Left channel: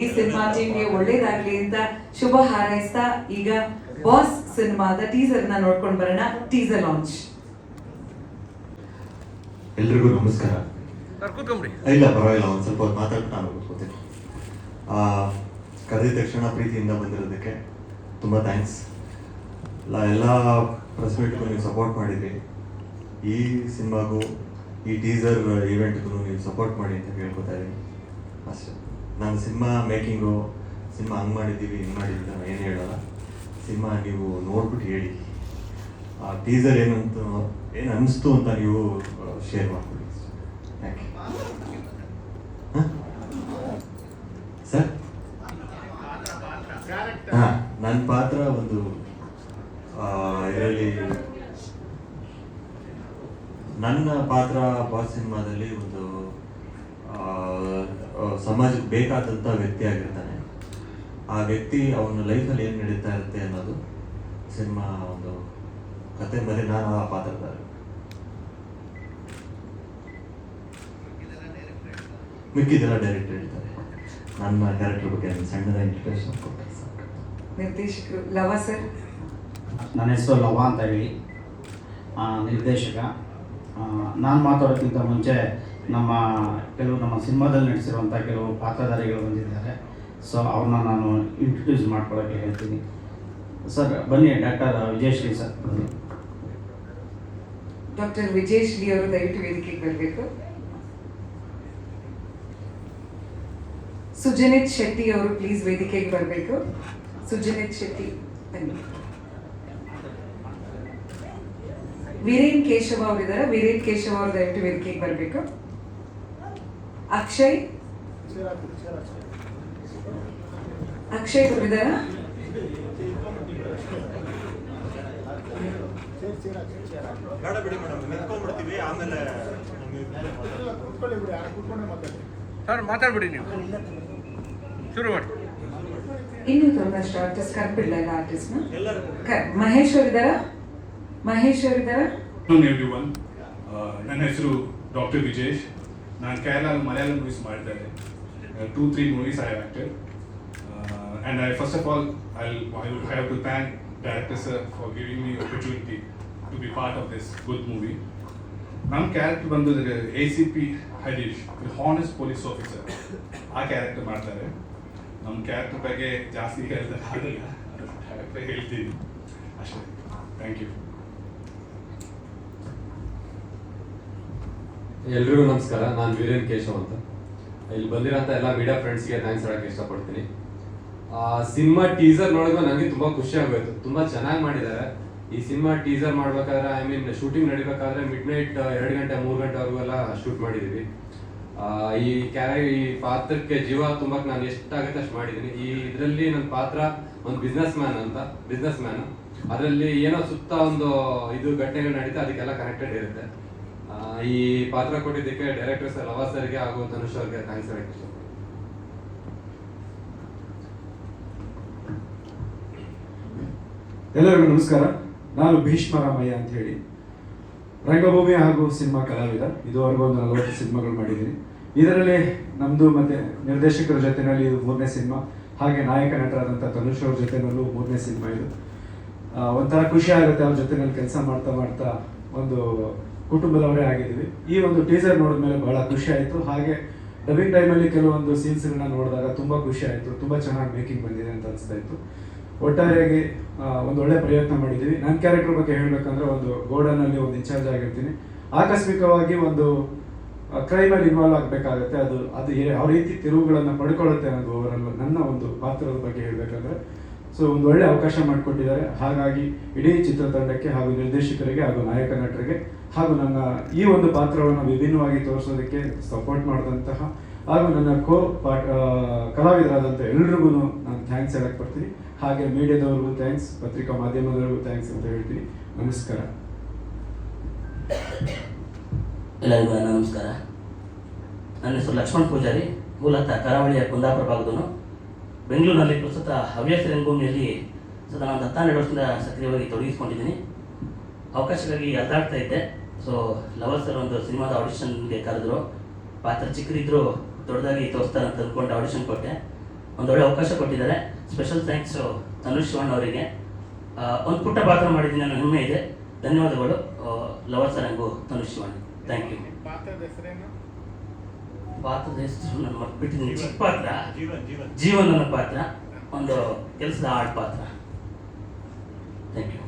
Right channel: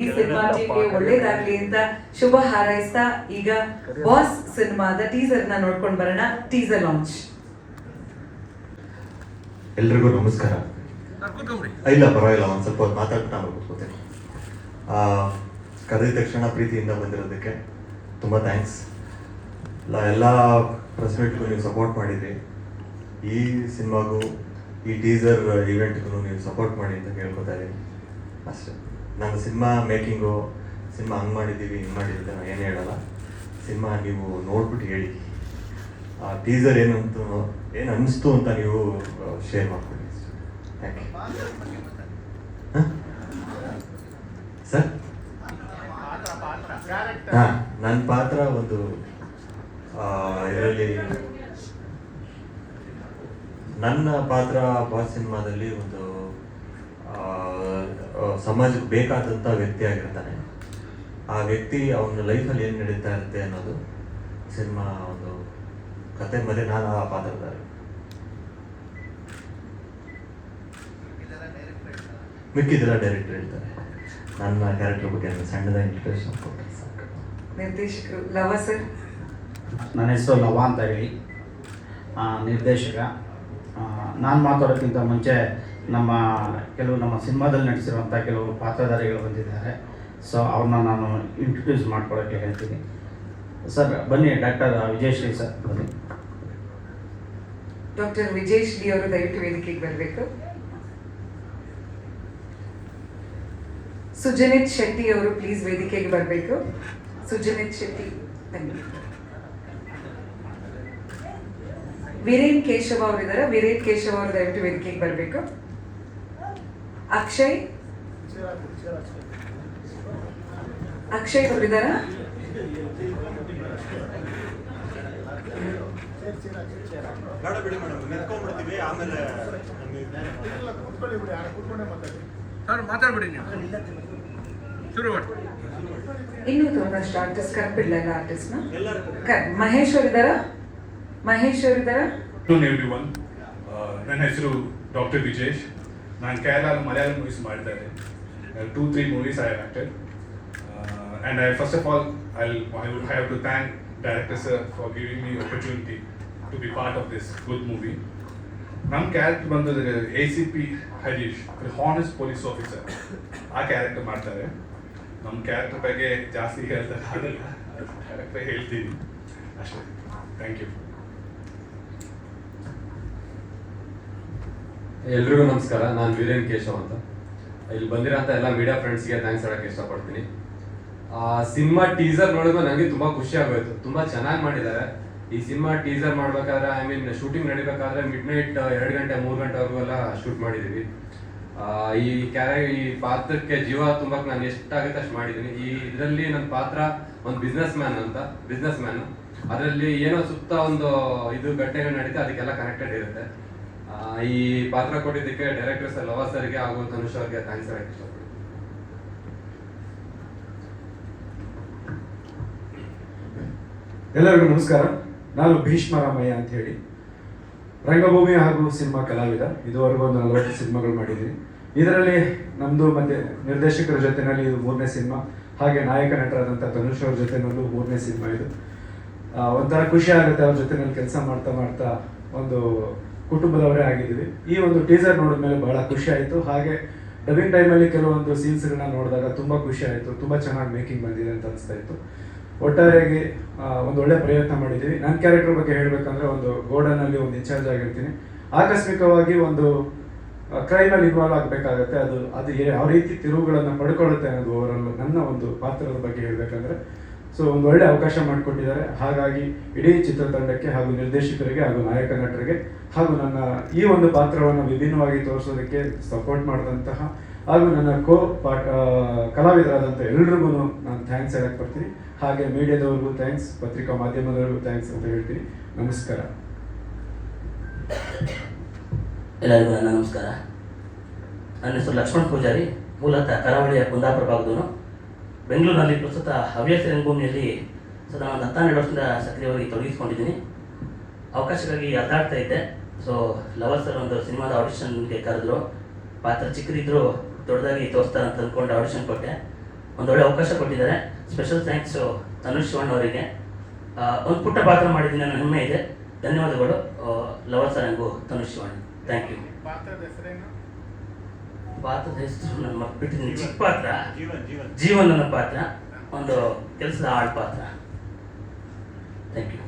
ಈ ಸಿನಿಮಾ ಟೀಮ್ಗೆ ಒಳ್ಳೇದಾಗ್ಲಿ ಅಂತ ಶುಭ ಹಾರೈಸ್ತಾ ಈಗ ಬಾಸ್ ಸಿನಿಮಾದ ಟೀಸರ್ ನ ನೋಡ್ಕೊಂಡು ಬರೋಣ. Teaser launch. ಎಲ್ರಿಗೂ ನಮಸ್ಕಾರ. ಇಲ್ಲ ಪರವಾಗಿಲ್ಲ, ಒಂದು ಸ್ವಲ್ಪ ಹೊತ್ತು ಮಾತಾಡ್ತಾ ನಾನು ಕೂತ್ಕೋತೀನಿ. ಕರೆದ ತಕ್ಷಣ ಪ್ರೀತಿಯಿಂದ ಬಂದಿರೋದಕ್ಕೆ ತುಂಬ ಥ್ಯಾಂಕ್ಸ್. ಎಲ್ಲ ಪ್ರೆಸ್ ಮೀಟ್ಗೂ ನೀವು ಸಪೋರ್ಟ್ ಮಾಡಿದ್ರಿ. ಈ ಸಿನಿಮಾಗೂ ಈ ಟೀಸರ್ ಇವೆಂಟ್ಗೂ ನೀವು ಸಪೋರ್ಟ್ ಮಾಡಿ ಅಂತ ಕೇಳ್ಕೊತಾ ಇದ್ದೀನಿ ಅಷ್ಟೇ. ನಾನು ಸಿನಿಮಾ ಮೇಕಿಂಗು, ಸಿನಿಮಾ ಹಂಗೆ ಮಾಡಿದ್ದೀವಿ ಹಿಂಗೆ ಮಾಡಿದ್ದೀವಿ ನಾನು ಏನು ಹೇಳಲ್ಲ. ಸಿನಿಮಾ ನೀವು ನೋಡ್ಬಿಟ್ಟು ಹೇಳಿ, ಆ ಟೀಸರ್ ಏನು ಅನ್ನಿಸ್ತು ಅಂತ ನೀವು ಶೇರ್ ಮಾಡ್ಕೊಳ್ಳಿ. ಯಾಕೆ ಸರ್? ಹಾಂ, ನನ್ನ ಪಾತ್ರ ಒಂದು ಇದರಲ್ಲಿ ನನ್ನ ಪಾತ್ರ ಬಾಸ್ ಸಿನಿಮಾದಲ್ಲಿ ಒಂದು ಸಮಾಜಕ್ಕೆ ಬೇಕಾದಂಥ ವ್ಯಕ್ತಿ ಆಗಿರ್ತಾನೆ. ಆ ವ್ಯಕ್ತಿ ಅವನ ಲೈಫಲ್ಲಿ ಏನು ನಡೀತಾ ಇರುತ್ತೆ ಅನ್ನೋದು ಸಿನಿಮಾ ಒಂದು ಕತೆ. ಮೇಲೆ ನಾನು ಆ ಪಾತ್ರಧಾರ. ಮಿಕ್ಕಿದೆಲ್ಲ ಡೈರೆಕ್ಟರ್ ಹೇಳ್ತಾರೆ. ನನ್ನ ಕ್ಯಾರೆಕ್ಟರ್ ಬಗ್ಗೆ ಸಣ್ಣದ ಇಂಟ್ರಡಕ್ಷನ್ ಕೊಡ್ತಾರೆ ಸರ್. ನಿರ್ದೇಶಕರು ಲವ ಸರ್. ನನ್ನ ಹೆಸರು ಲವ ಅಂತ ಹೇಳಿ, ನಿರ್ದೇಶಕ. ನಾನು ಮಾತಾಡೋಕ್ಕಿಂತ ಮುಂಚೆ ನಮ್ಮ ಸಿನಿಮಾದಲ್ಲಿ ನಟಿಸಿರುವಂಥ ಕೆಲವು ಪಾತ್ರಧಾರಿಗಳು ಬಂದಿದ್ದಾರೆ. ಸೊ ಅವ್ರನ್ನ ನಾನು ಇಂಟ್ರೊಡ್ಯೂಸ್ ಮಾಡ್ಕೊಡೋಕ್ಕೆ ಹೇಳ್ತೀನಿ. ಸರ್ ಬನ್ನಿ, ಡಾಕ್ಟರ್ ವಿಜಯಶ್ರೀ ಸರ್ ಬನ್ನಿ. ಡಾಕ್ಟರ್ ವಿಜಯಶ್ರೀ ಅವರು ದಯವಿಟ್ಟು ವೇದಿಕೆಗೆ ಬರಬೇಕು. ಸುಜನಿತ್ ಶೆಟ್ಟಿ ಅವರು ಪ್ಲೀಸ್ ವೇದಿಕೆಗೆ ಬರಬೇಕು. ಸುಜನಿತ್ ಶೆಟ್ಟಿ ಬನ್ನಿ. ವೀರೇನ್ ಕೇಶವ ಅವರಿದ್ದಾರೆ. ವೀರೇನ್ ಕೇಶವ ಅವರು ದಯವಿಟ್ಟು ವೇದಿಕೆಗೆ ಬರಬೇಕು. ಅಕ್ಷಯ್ ಅವರಿದ್ದಾರ? ಮಾತಾಡ್ಬಿಡಿ ನೀವು, ಶುರು ಮಾಡಿ. ಇನ್ನೂ ಒಂದಷ್ಟು ಆರ್ಟಿಸ್ಟ್ ಕರ್ಬಿಡ್ಲ ಆರ್ಟಿಸ್ಟ್ ಮಹೇಶ್ ಅವರಿದ್ದಾರ? ಎವ್ರಿವನ್, ನನ್ನ ಹೆಸರು ಡಾಕ್ಟರ್ ವಿಜೇಶ್. ನಾನು ಕೇರಳ ಮಲಯಾಳಂ ಮೂವೀಸ್ ಮಾಡಿದ್ದಾರೆ. 2-3 movies I have acted. And first of all, I would have to thank director sir for giving me the opportunity to be part of this good movie. ನನ್ನ character ಬಂದು ACP Harish, honest police officer. ಆ character ಮಾಡ್ತಾರೆ. ನಮ್ಮ character ಬಗ್ಗೆ ಜಾಸ್ತಿ ಹೇಳ್ತಾರೆ ಆಗಲ್ಲ, character ಹೇಳ್ತೀನಿ ಅಷ್ಟೇ. Thank you. ಎಲ್ರಿಗೂ ನಮಸ್ಕಾರ. ನಾನು ವೀರೇನ್ ಕೇಶವ್ ಅಂತ. ಇಲ್ಲಿ ಬಂದಿರೋಂಥ ಎಲ್ಲ ಮೀಡಿಯಾ ಫ್ರೆಂಡ್ಸ್ಗೆ ಥ್ಯಾಂಕ್ಸ್ ಹೇಳೋಕ್ಕೆ ಇಷ್ಟಪಡ್ತೀನಿ. ಸಿನಿಮಾ ಟೀಸರ್ ನೋಡಿದ್ರೆ ನನಗೆ ತುಂಬ ಖುಷಿ ಆಗೋಯ್ತು. ತುಂಬ ಚೆನ್ನಾಗಿ ಮಾಡಿದ್ದಾರೆ. ಈ ಸಿನಿಮಾ ಟೀಸರ್ ಮಾಡ್ಬೇಕಾದ್ರೆ ಶೂಟಿಂಗ್ ನಡಿಬೇಕಾದ್ರೆ ಮಿಡ್ನೈಟ್ 2 ಗಂಟೆ 3 ಗಂಟೆವರೆಗೂ ಎಲ್ಲ ಶೂಟ್ ಮಾಡಿದ್ದೀವಿ. ಈ ಪಾತ್ರಕ್ಕೆ ಜೀವ ತುಂಬಕ್ಕೆ ನಾನು ಎಷ್ಟಾಗುತ್ತೆ ಅಷ್ಟು ಮಾಡಿದ್ದೀನಿ. ಈ ಇದರಲ್ಲಿ ನನ್ನ ಪಾತ್ರ ಒಂದು ಬಿಸ್ನೆಸ್ ಮ್ಯಾನ್. ಅದರಲ್ಲಿ ಏನೋ ಸುತ್ತ ಒಂದು ಇದು ಘಟನೆಗಳು ನಡೀತಾ, ಅದಕ್ಕೆಲ್ಲ ಕನೆಕ್ಟೆಡ್ ಇರುತ್ತೆ. ಈ ಪಾತ್ರ ಕೊಟ್ಟಿದ್ದಕ್ಕೆ ಡೈರೆಕ್ಟರ್ ಸರ್ ಲವ ಸರ್ಗೆ ಹಾಗೂ ಧನುಷ್ ಅವ್ರಿಗೆ ಥ್ಯಾಂಕ್ಸ್ ಹೇಳಕ್ಕೆ ಇಷ್ಟಪಡ್ತೀನಿ. ಎಲ್ಲರಿಗೂ ನಮಸ್ಕಾರ. ನಾನು ಭೀಷ್ಮರಾಮಯ್ಯ ಅಂತ ಹೇಳಿ, ರಂಗಭೂಮಿ ಹಾಗೂ ಸಿನಿಮಾ ಕಲಾವಿದ. ಇದುವರೆಗೂ ಒಂದು 40 ಸಿನಿಮಾಗಳು ಮಾಡಿದ್ದೀನಿ. ಇದರಲ್ಲಿ ನಮ್ಮದು ಮತ್ತೆ ನಿರ್ದೇಶಕರ ಜೊತೆಯಲ್ಲಿ ಇದು 3ನೇ ಸಿನಿಮಾ. ಹಾಗೆ ನಾಯಕ ನಟರಾದಂಥ ಧನುಷ್ ಅವ್ರ ಜೊತೆನಲ್ಲೂ 3ನೇ ಸಿನಿಮಾ ಇದು. ಒಂಥರ ಖುಷಿ ಆಗುತ್ತೆ ಅವ್ರ ಜೊತೆನಲ್ಲಿ ಕೆಲಸ ಮಾಡ್ತಾ ಒಂದು ಕುಟುಂಬದವರೇ ಆಗಿದ್ದೀವಿ. ಈ ಒಂದು ಟೀಸರ್ ನೋಡಿದ್ಮೇಲೆ ಬಹಳ ಖುಷಿ ಆಯಿತು. ಹಾಗೆ ಡಬ್ಬಿಂಗ್ ಟೈಮಲ್ಲಿ ಕೆಲವೊಂದು ಸೀನ್ಸ್ಗಳನ್ನ ನೋಡಿದಾಗ ತುಂಬ ಖುಷಿ ಆಯಿತು. ತುಂಬ ಚೆನ್ನಾಗಿ ಮೇಕಿಂಗ್ ಬಂದಿದೆ ಅಂತ ಅನಿಸ್ತಾ ಇತ್ತು. ಒಟ್ಟಾರೆಯಾಗಿ ಒಂದು ಒಳ್ಳೆ ಪ್ರಯತ್ನ ಮಾಡಿದ್ದೀವಿ. ನನ್ನ ಕ್ಯಾರೆಕ್ಟರ್ ಬಗ್ಗೆ ಹೇಳಬೇಕಂದ್ರೆ, ಒಂದು ಗೋಡನಲ್ಲಿ ಒಂದು ಇನ್ಚಾರ್ಜ್ ಆಗಿರ್ತೀನಿ. ಆಕಸ್ಮಿಕವಾಗಿ ಒಂದು ಕ್ರೈಮಲ್ಲಿ ಇನ್ವಾಲ್ವ್ ಆಗಬೇಕಾಗತ್ತೆ. ಅದು ಯಾವ ರೀತಿ ತಿರುವುಗಳನ್ನು ಪಡ್ಕೊಳ್ಳುತ್ತೆ ಅನ್ನೋದು ಓವರಾಲ್ ನನ್ನ ಒಂದು ಪಾತ್ರದ ಬಗ್ಗೆ ಹೇಳಬೇಕಂದ್ರೆ. ಸೊ ಒಂದು ಒಳ್ಳೆ ಅವಕಾಶ ಮಾಡಿಕೊಟ್ಟಿದ್ದಾರೆ. ಹಾಗಾಗಿ ಇಡೀ ಚಿತ್ರತಂಡಕ್ಕೆ ಹಾಗೂ ನಿರ್ದೇಶಕರಿಗೆ ಹಾಗೂ ನಾಯಕ ನಟರಿಗೆ ಹಾಗೂ ನನ್ನ ಈ ಒಂದು ಪಾತ್ರವನ್ನು ವಿಭಿನ್ನವಾಗಿ ತೋರಿಸೋದಕ್ಕೆ ಸಪೋರ್ಟ್ ಮಾಡಿದಂತಹ ಹಾಗೂ ನನ್ನ ಕಲಾವಿದರಾದಂಥ ಎಲ್ರಿಗೂ ನಾನು ಥ್ಯಾಂಕ್ಸ್ ಹೇಳಕ್ಕೆ ಬರ್ತೀನಿ. ಹಾಗೆ ಮೀಡಿಯಾದವ್ರಿಗೂ ಥ್ಯಾಂಕ್ಸ್, ಪತ್ರಿಕಾ ಮಾಧ್ಯಮದವ್ರಿಗೂ ಥ್ಯಾಂಕ್ಸ್ ಅಂತ ಹೇಳ್ತೀನಿ. ನಮಸ್ಕಾರ. ಎಲ್ಲರಿಗೂ ನಮಸ್ಕಾರ. ನನ್ನ ಹೆಸರು ಲಕ್ಷ್ಮಣ್ ಪೂಜಾರಿ. ಮೂಲತಃ ಕರಾವಳಿಯ ಕುಂದಾಪುರ ಭಾಗದವನು. ಬೆಂಗಳೂರಿನಲ್ಲಿ ಪ್ರಸ್ತುತ ಹವ್ಯಾಸ ರಂಗಭೂಮಿಯಲ್ಲಿ ಸದಾ ಒಂದು 12 ವರ್ಷದಿಂದ ಸಕ್ರಿಯವಾಗಿ ತೊಡಗಿಸ್ಕೊಂಡಿದ್ದೀನಿ. ಅವಕಾಶಕ್ಕಾಗಿ ಅಲ್ದಾಡ್ತಾ ಇದ್ದೆ. ಸೊ ಲವರ್ ಸರ್ ಒಂದು ಸಿನಿಮಾದ ಆಡಿಷನ್ಗೆ ಕರೆದ್ರು. ಪಾತ್ರ ಚಿಕ್ಕದಿದ್ರು ದೊಡ್ಡದಾಗಿ ತೋರಿಸ್ತಾರೆ ಅಂತ ಅಂದ್ಕೊಂಡು ಆಡಿಷನ್ ಕೊಟ್ಟೆ. ಒಂದೊಳ್ಳೆ ಅವಕಾಶ ಕೊಟ್ಟಿದ್ದಾರೆ. ಸ್ಪೆಷಲ್ ಥ್ಯಾಂಕ್ಸ್ ತನುಷ್ ಶಿವಣ್ಣ ಅವರಿಗೆ. ಒಂದು ಪುಟ್ಟ ಪಾತ್ರ ಮಾಡಿದ್ದೀನಿ ಅನ್ನೋ ಹೆಮ್ಮೆ ಇದೆ. ಧನ್ಯವಾದಗಳು ಲವರ್ ಸರಂಗು ತನುಷ್ ಶಿವಣ್ಣ. Thank you. ಪಾತ್ರದ ಹೆಸರು ನಾನು ಮರ್ತ್ಬಿಟ್ಟಿದ್ದೀನಿ. ಚಿಕ್ಕ ಪಾತ್ರ, ಜೀವನ್ ನನ್ನ ಪಾತ್ರ, ಒಂದು ಕೆಲಸದ ಆಳ್ ಪಾತ್ರ. Thank you.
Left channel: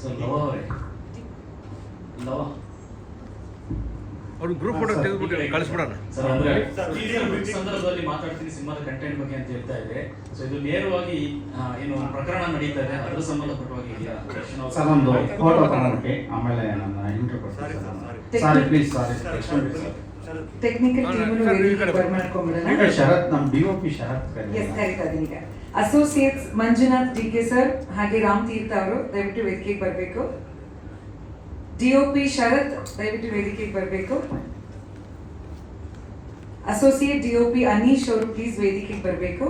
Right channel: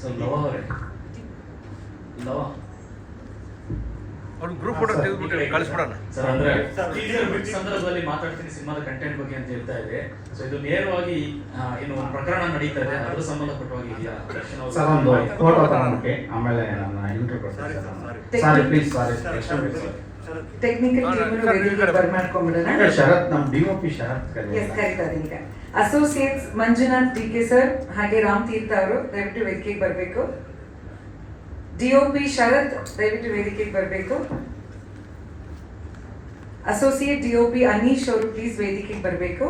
ಸೊ ಲವ ಅವರೇ, ಲವ ಅವ್ರು ಗ್ರೂಪ್ ಫೋಟೋ ತೆಗೆದುಬಿಟ್ಟು ಕಳಿಸ್ಬಿಡೋಣ. ಸರ್ ಅಂದ್ರೆ ಸಂದರ್ಭದಲ್ಲಿ ಮಾತಾಡ್ತೀನಿ ಸಿನಿಮಾದ ಕಂಟೆಂಟ್ ಬಗ್ಗೆ ಅಂತ ಹೇಳ್ತಾ ಇದೆ. ಸೊ ಇದು ನೇರವಾಗಿ ಏನು ಪ್ರಕರಣ ನಡೀತಾ ಇದೆ ಅದ್ರ ಸಂಬಂಧಪಟ್ಟವಾಗಿ ಇದೆಯಾ? ಸರ್ ಒಂದು ಫೋಟೋ ತಗೊಂಡ್ಬಿಟ್ಟು ಆಮೇಲೆ ನನ್ನ ಇಂಟರ್ವ್ಯೂ ಕೊಡ್ತೀನಿ. Sorry please, sorry. Technical team ವೇದಿಕೆಗೆ ಬರ್ಮಾಡ್ಕೊಂಡ್ಬಿಡೋಣ. ಶರತ್ ನಮ್ಮ ಡಿಒಪಿ ಶರತ್ ಕರೀತಾ ಇದೀನಿ. ಈಗ ಅಸೋಸಿಯೇಟ್ಸ್ ಮಂಜುನಾಥ್ ಟಿ.ಕೆ. ಸರ್ ಹಾಗೆ ರಾಮ್ ತೀರ್ಥ ಅವರು ದಯವಿಟ್ಟು ವೇದಿಕೆಗೆ ಬರಬೇಕು. ಡಿಒಪಿ ಶರತ್ ದಯವಿಟ್ಟು ವೇದಿಕೆಗೆ ಬರಬೇಕು. ಅಸೋಸಿಯೇಟ್ ಡಿಒಪಿ ಅನೀಶ್ ಅವರು ಪ್ಲೀಸ್ ವೇದಿಕೆಗೆ ಬರಬೇಕು.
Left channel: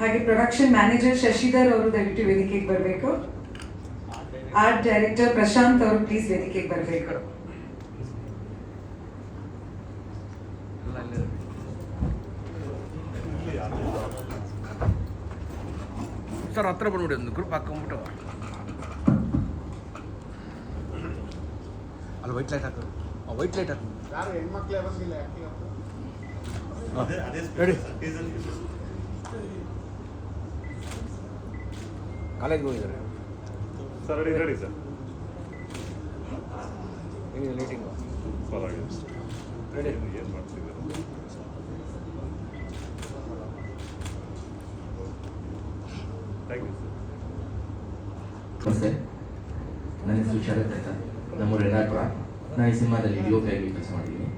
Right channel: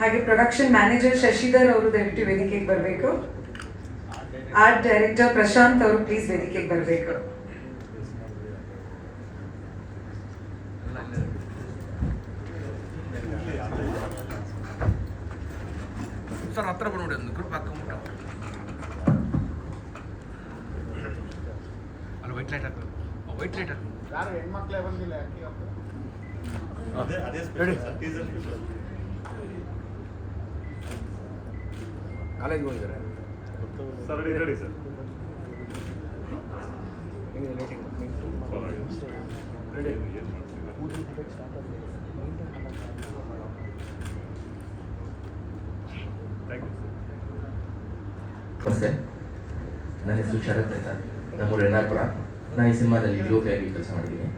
ಹಾಗೆ ಪ್ರೊಡಕ್ಷನ್ ಮ್ಯಾನೇಜರ್ ಶಶಿಧರ್ ಅವರು ದಯವಿಟ್ಟು ವೇದಿಕೆಗೆ ಬರಬೇಕು. ಆರ್ಟ್ ಡೈರೆಕ್ಟರ್ ಪ್ರಶಾಂತ್ ಅವರು ಪ್ಲೀಸ್ ವೇದಿಕೆಗೆ ಬರಬೇಕು. ಸರ್ ಹತ್ರ ಬಂದ್ಬಿಡಿ, ಒಂದು ಗ್ರೂಪ್ ಹಾಕೊಂಡ್ಬಿಟ್ಟು ಅಲ್ಲ ವೈಟ್ ಲೈಟ್ ಹಾಕ್ಬೇಕು. ವೈಟ್ ಲೈಟ್ ಹಾಕ್ಬೇಕು. ಕಾಲೇಜ್ಗೆ ಹೋಗಿದ್ದಾರೆ ಸರ್. Ready sir. ಹೆಂಗಿದೆ ಲೈಟಿಂಗ್? ರೆಡಿ. ಏನು ಮಾಡ್ತಿದ್ದಾರೆ? ನಮಸ್ತೆ, ನನ್ನ ಹೆಸರು ಶರತ್ ಅಂತ, ನಮ್ಮೂರು ಯಲ್ಲಾಪುರ. ನಾನು ಈ ಸಿನಿಮಾದಲ್ಲಿ ಡಿಒಪಿ ಆಗಿ ಕೆಲಸ ಮಾಡಿದ್ದೀನಿ.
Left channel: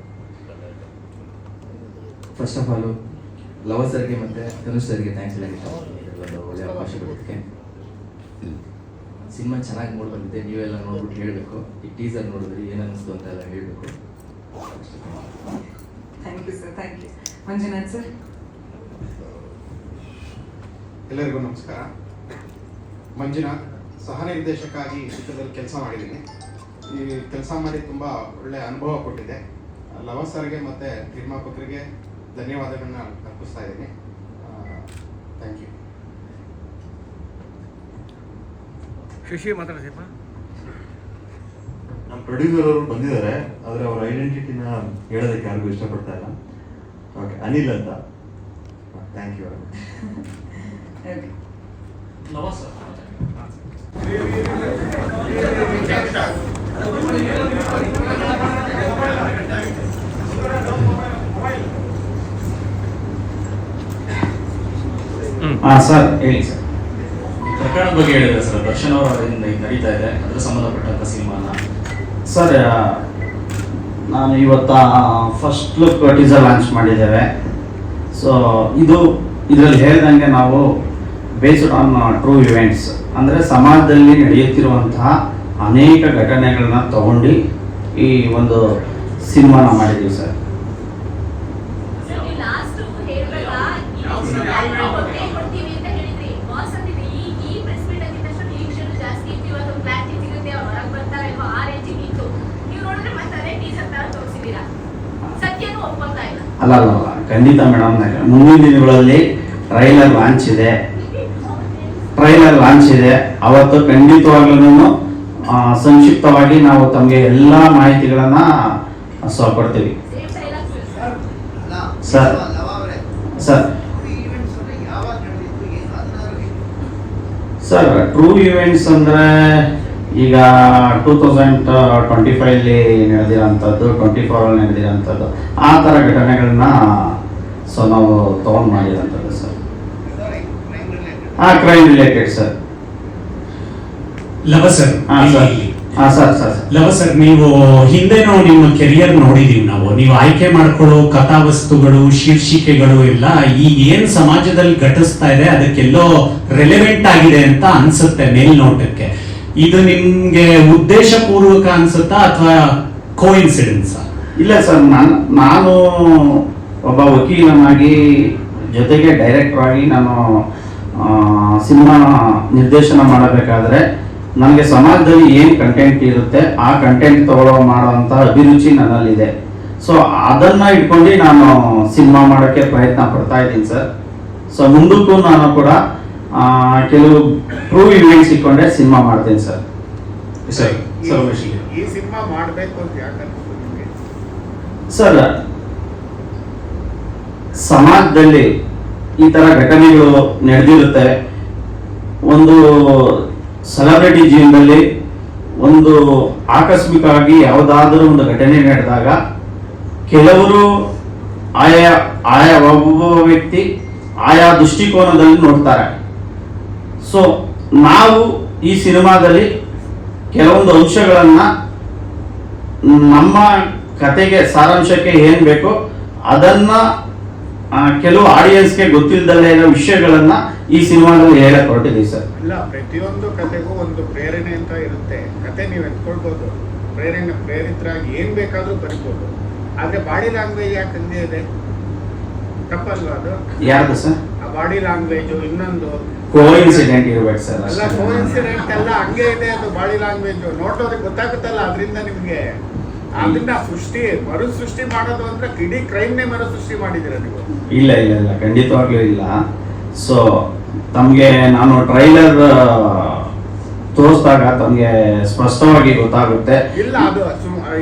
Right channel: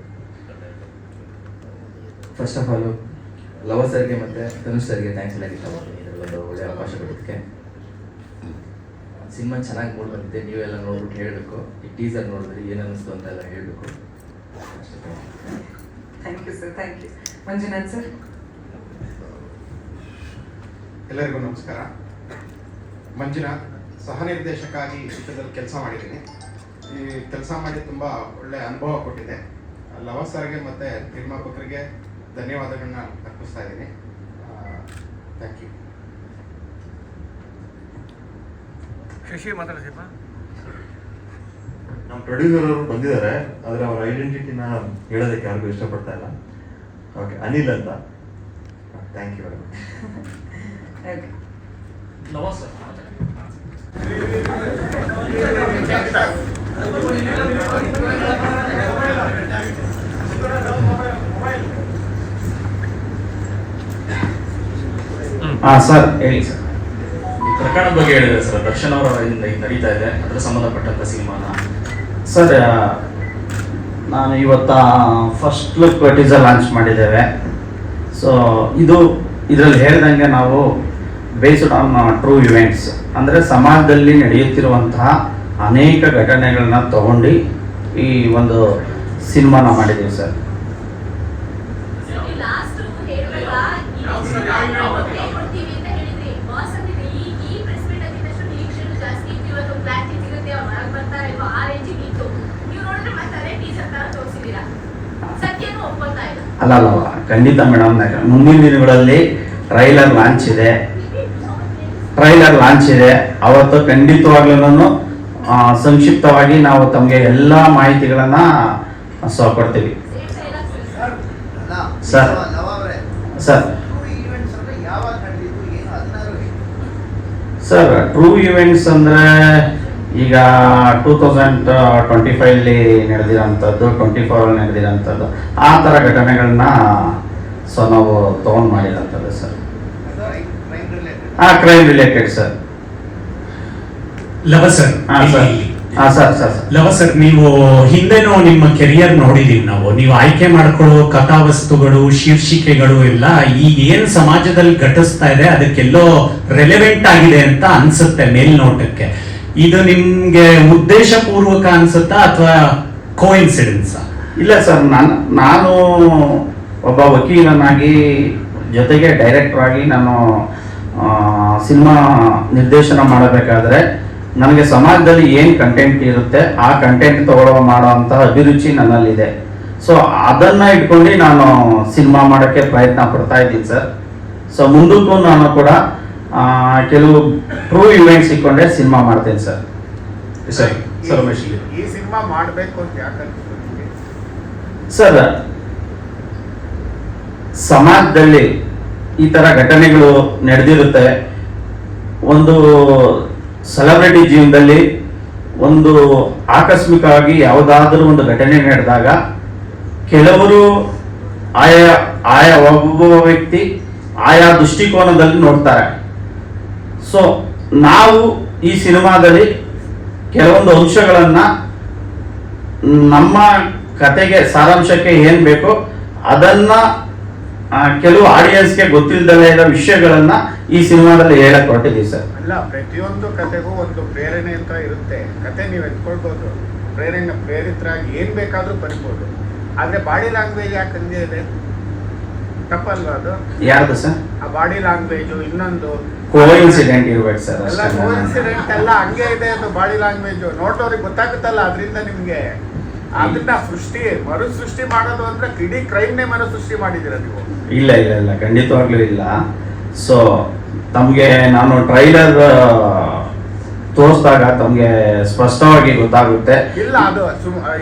ಫಸ್ಟ್ ಆಫ್ ಆಲು ಲವರ್ ಸರ್ಗೆ ಮತ್ತು ತನುಷ್ ಸರ್ಗೆ ಥ್ಯಾಂಕ್ಸ್ ಹೇಳೋಕ್ಕೆ ಒಂದು ಒಳ್ಳೆ ಅವಕಾಶ ಕೊಡೋದಕ್ಕೆ. ಸಿನಿಮಾ ಚೆನ್ನಾಗಿ ಮೂಡ್ ಬಂದಿದೆ, ನೀವೆಲ್ಲ ನೋಡ್ಬಿಟ್ಟು ಹೇಳಬೇಕು. ಈ ಟೀಸರ್ ನೋಡಿದ್ರಿ ಏನು ಅನ್ನಿಸ್ತು ಅಂತ ಎಲ್ಲ ಹೇಳಬೇಕು. Thank you sir, thank you. Manjunath sir. ಎಲ್ಲರಿಗೂ ನಮಸ್ಕಾರ. ಮಂಜುನಾಥ್, ಸಹ ನಿರ್ದೇಶಕಾಗಿ ಚಿತ್ರದಲ್ಲಿ ಕೆಲಸ ಮಾಡಿದ್ದೀನಿ. ಈ ಕೆಲಸ ಮಾಡಿ ತುಂಬ ಒಳ್ಳೆಯ ಅನುಭವ ಕೊಟ್ಟಿದೆ. ಲವ ಸರ್ಗೆ ಮತ್ತು ನಿರ್ಮಾಪಕರಿಗೆ ಧನ್ಯವಾದಗಳನ್ನ ಅರ್ಪಿಸ್ತಾ ಇದ್ದೀನಿ. Thank you. ಶಶಿ ಮಾತಾಡ್ತೀರಾ? ನಮ್ಮ ಪ್ರೊಡ್ಯೂಸರ್ ಅವರು ಬಂದಿದ್ದಾರೆ, ಆದರೆ ಅವರ ಐಡೆಂಟಿಟಿನ ಹೇಳೋದಕ್ಕೆ ಯಾರಿಗೂ ಇಷ್ಟಪಡ್ತಾ ಇಲ್ಲ. ಓಕೆ, ಅನಿಲ್ ಅಂತ. Thank you very much. Lava sir. Sir ಹೇಳಿ ಸರ್. ಈ ಪ್ರಕರಣದ ಬಗ್ಗೆ ಹೇಳಿದ್ರೆ ಸರ್, ದರ್ಶನ್ ಅವರಿಂದ ನಡೀತಾ ಇದೆ, ಅದರ ಸಂಬಂಧಪಟ್ಟಂತ ಸಿನಿಮಾನ. ಸರ್ ನಾನು ಇವತ್ತ ಫಸ್ಟ್ ಲುಕ್ ಟೀಸರ್ ಲಾಂಚ್ ಮಾಡಿದ್ದೇವೆ. ಸೊ ಇದರಲ್ಲಿ ಹೇಳ್ದಂಗೆ ನಾವು ಬೇಸ್ಡ್ ಆನ್ ಟ್ರೂ ಇವೆಂಟ್ಸ್, ಅಂದರೆ ಸಮಾಜದಲ್ಲಿ ನಡೆಯುತ್ತಿರುವಂತಹ ಅನೇಕ ಘಟನೆಗಳನ್ನ ತಗೊಂಡು ಈ ಒಂದು ಸಿನಿಮಾನ ಮಾಡಿದ್ದೀವಿ ಸರ್. ಅಲ್ಲ ಖಂಡಿತ ಮೇಡಮ್, ಮುಂದಿನ ದಿನಗಳಲ್ಲಿ ಟ್ರೈಲರ್ ಲಾಂಚ್ ಇದೆ. ಅವತ್ತು ಖಂಡಿತವಾಗ್ಲೂ ಸಂಕ್ಷಿಪ್ತವಾಗಿ ನಾವು ತಮಗೆ ಎಲ್ಲ ಮಾಹಿತಿಗಳನ್ನ ಕೊಡ್ತೀವಿ ಸರ್. ಸರ್ ಟ್ರೂ ಇವೆಂಟ್ಸ್ ಅಂದರೆ ಈಗ 2025 ನಡೆದಿರೋಂಥದ್ದು, 24 ನಡೆದಿರೋಂಥದ್ದು, ಆ ಥರ ಘಟನೆಗಳನ್ನ ನಾವು ತೊಗೊಂಡು ಮಾಡಿರೋಂಥದ್ದು sir. Crime related sir. Lava sir, Lava sir, ನೀವು ಹಿಂದೆನೂ ನಿಮ್ಮ ಕೆರಿಯರ್ ನೋಡಿದೀವಿ ನಾವು. ನೀವು ಆಯ್ಕೆ ಮಾಡ್ಕೊಳ್ಳೋ ಕಥಾವಸ್ತುಗಳು, ಶೀರ್ಷಿಕೆಗಳು ಎಲ್ಲ ಈಗ ಏನು ಸಮಾಜದಲ್ಲಿ ಘಟಿಸ್ತಾ ಇದೆ ಅದಕ್ಕೆಲ್ಲೋ ರೆಲೆವೆಂಟ್ ಆಗಿದೆ ಅಂತ ಅನ್ಸುತ್ತೆ ಮೇಲ್ನೋಟಕ್ಕೆ. ಇದು ನಿಮ್ಗೆ ಉದ್ದೇಶಪೂರ್ವಕ ಅನ್ಸುತ್ತಾ ಅಥವಾ ಕೋಇನ್ಸಿಡೆನ್ಸಾ? ಇಲ್ಲ ಸರ್, ನಾನು ಒಬ್ಬ ವಕೀಲನಾಗಿ ಜೊತೆಗೆ ಡೈರೆಕ್ಟರ್ ಆಗಿ ನಾನು ಸಿನಿಮಾ ನಿರ್ದೇಶನ ಮಾಡಬೇಕಾದ್ರೆ ನನಗೆ ಸಮಾಜದಲ್ಲಿ ಏನು ಕಂಟೆಂಟ್ ಇರುತ್ತೆ ಆ ಕಂಟೆಂಟ್ ಮಾಡುವಂಥ ಅಭಿರುಚಿ ನನ್ನಲ್ಲಿದೆ. ಸೊ ಅದನ್ನ ಇಟ್ಕೊಂಡು ನಾನು ಸಿನಿಮಾ ಮಾಡೋಕ್ಕೆ ಪ್ರಯತ್ನ ಪಡ್ತಾ ಇದ್ದೀನಿ ಸರ್. ಸೊ ಮುಂದಕ್ಕೂ ನಾನು ಕೂಡ ಕೆಲವು ಟ್ರೂ ಇವೆಂಟ್ಸ್ ಇಟ್ಕೊಂಡೆ ಸಿನಿಮಾ ಮಾಡ್ತೇನೆ ಸರ್. ಸರ್ ಸರ್ ರಮೇಶ್ ಈ ಸಿನಿಮಾ ಮಾಡಬೇಕು ಅಂತ ಯಾಕಂದ್ರೆ ಸರ್, ಸಮಾಜದಲ್ಲಿ ಈ ತರ ಘಟನೆಗಳು ನಡೆದಿರುತ್ತೆ. ಒಂದು ಸೆಲೆಬ್ರಿಟಿ ಜೀವನದಲ್ಲಿ ಒಂದು ಆಕಸ್ಮಿಕವಾಗಿ ಯಾವುದಾದ್ರೂ ಒಂದು ಘಟನೆ ನಡೆದಾಗ ಕೆಲವರು ಆಯಾ ಒಬ್ಬ ವ್ಯಕ್ತಿ ಆಯಾ ದೃಷ್ಟಿಕೋನದಲ್ಲಿ ನೋಡ್ತಾರೆ. ಸೊ ನಾವು ಈ ಸಿನಿಮಾದಲ್ಲಿ ಕೆಲವೊಂದು ಅಂಶಗಳನ್ನ ನಮ್ಮ ಕತೆಗೆ ಸಾರಾಂಶಕ್ಕೆ ಏನ್ ಬೇಕೋ ಅದನ್ನ ಕೆಲವು ಆಡಿಯನ್ಸ್ಗೆ ಗೊತ್ತಿಲ್ಲದಲೇ ಇರೋ ವಿಷಯಗಳನ್ನ ಈ ಸಿನಿಮಾದಲ್ಲಿ ಹೇಳಕ್ ಹೊರಟಿದ್ದೀವಿ ಸರ್. ಅಲ್ಲ, ಪ್ರತಿಯೊಂದು ಕಥೆಗೂ ಒಂದು ಪ್ರೇರಣೆ ಅಂತ ಇರುತ್ತೆ. ಕತೆ ನೀವು ಎತ್ಕೊಳ್ಬೋದು, ಪ್ರೇರಿತರಾಗಿ ಏನ್ ಬೇಕಾದ್ರೂ ಬರ್ಬೋದು. ಆದ್ರೆ ಬಾಡಿ ಲ್ಯಾಂಗ್ವೇಜ್ ಯಾಕೆ ಹಂಗೆ ಇದೆ? ತಪ್ಪಲ್ವಾ ಅದು? ಯಾರ್ದು ಸರ್? ಆ ಬಾಡಿ ಲ್ಯಾಂಗ್ವೇಜ್ ಇನ್ನೊಂದು ಕೋಇನ್ಸಿಡೆಂಟ್ ಇರ್ಬೇಕು ಸರ್. ಕೋಇನ್ಸಿಡೆಂಟ್ ಎಲ್ಲ ಹಂಗೆ ಇದೆ. ಅದು ಬಾಡಿ ಲ್ಯಾಂಗ್ವೇಜ್ ನೋಡೋರಿಗೆ ಗೊತ್ತಾಗುತ್ತಲ್ಲ. ಅದರಿಂದ ನಿಮ್ಗೆ ಅದನ್ನ ಮರು ಸೃಷ್ಟಿ ಮಾಡೋದು ಅಂದ್ರೆ ಇಡೀ ಕ್ರೈಮ್ನೇ ಮರು ಸೃಷ್ಟಿ ಮಾಡಿದಿರ ನೀವು. ಇಲ್ಲ ಇಲ್ಲ ಇಲ್ಲ, ಖಂಡಿತವಾಗ್ಲೂ ಇಲ್ಲ. ಸೊ ತಮಗೆ ನಾನು ಟ್ರೈಲರ್ ತೋರಿಸಿದಾಗ ತಮಗೆ ಸ್ಪಷ್ಟವಾಗಿ ಗೊತ್ತಾಗುತ್ತೆ. ಇಲ್ಲ, ಅದು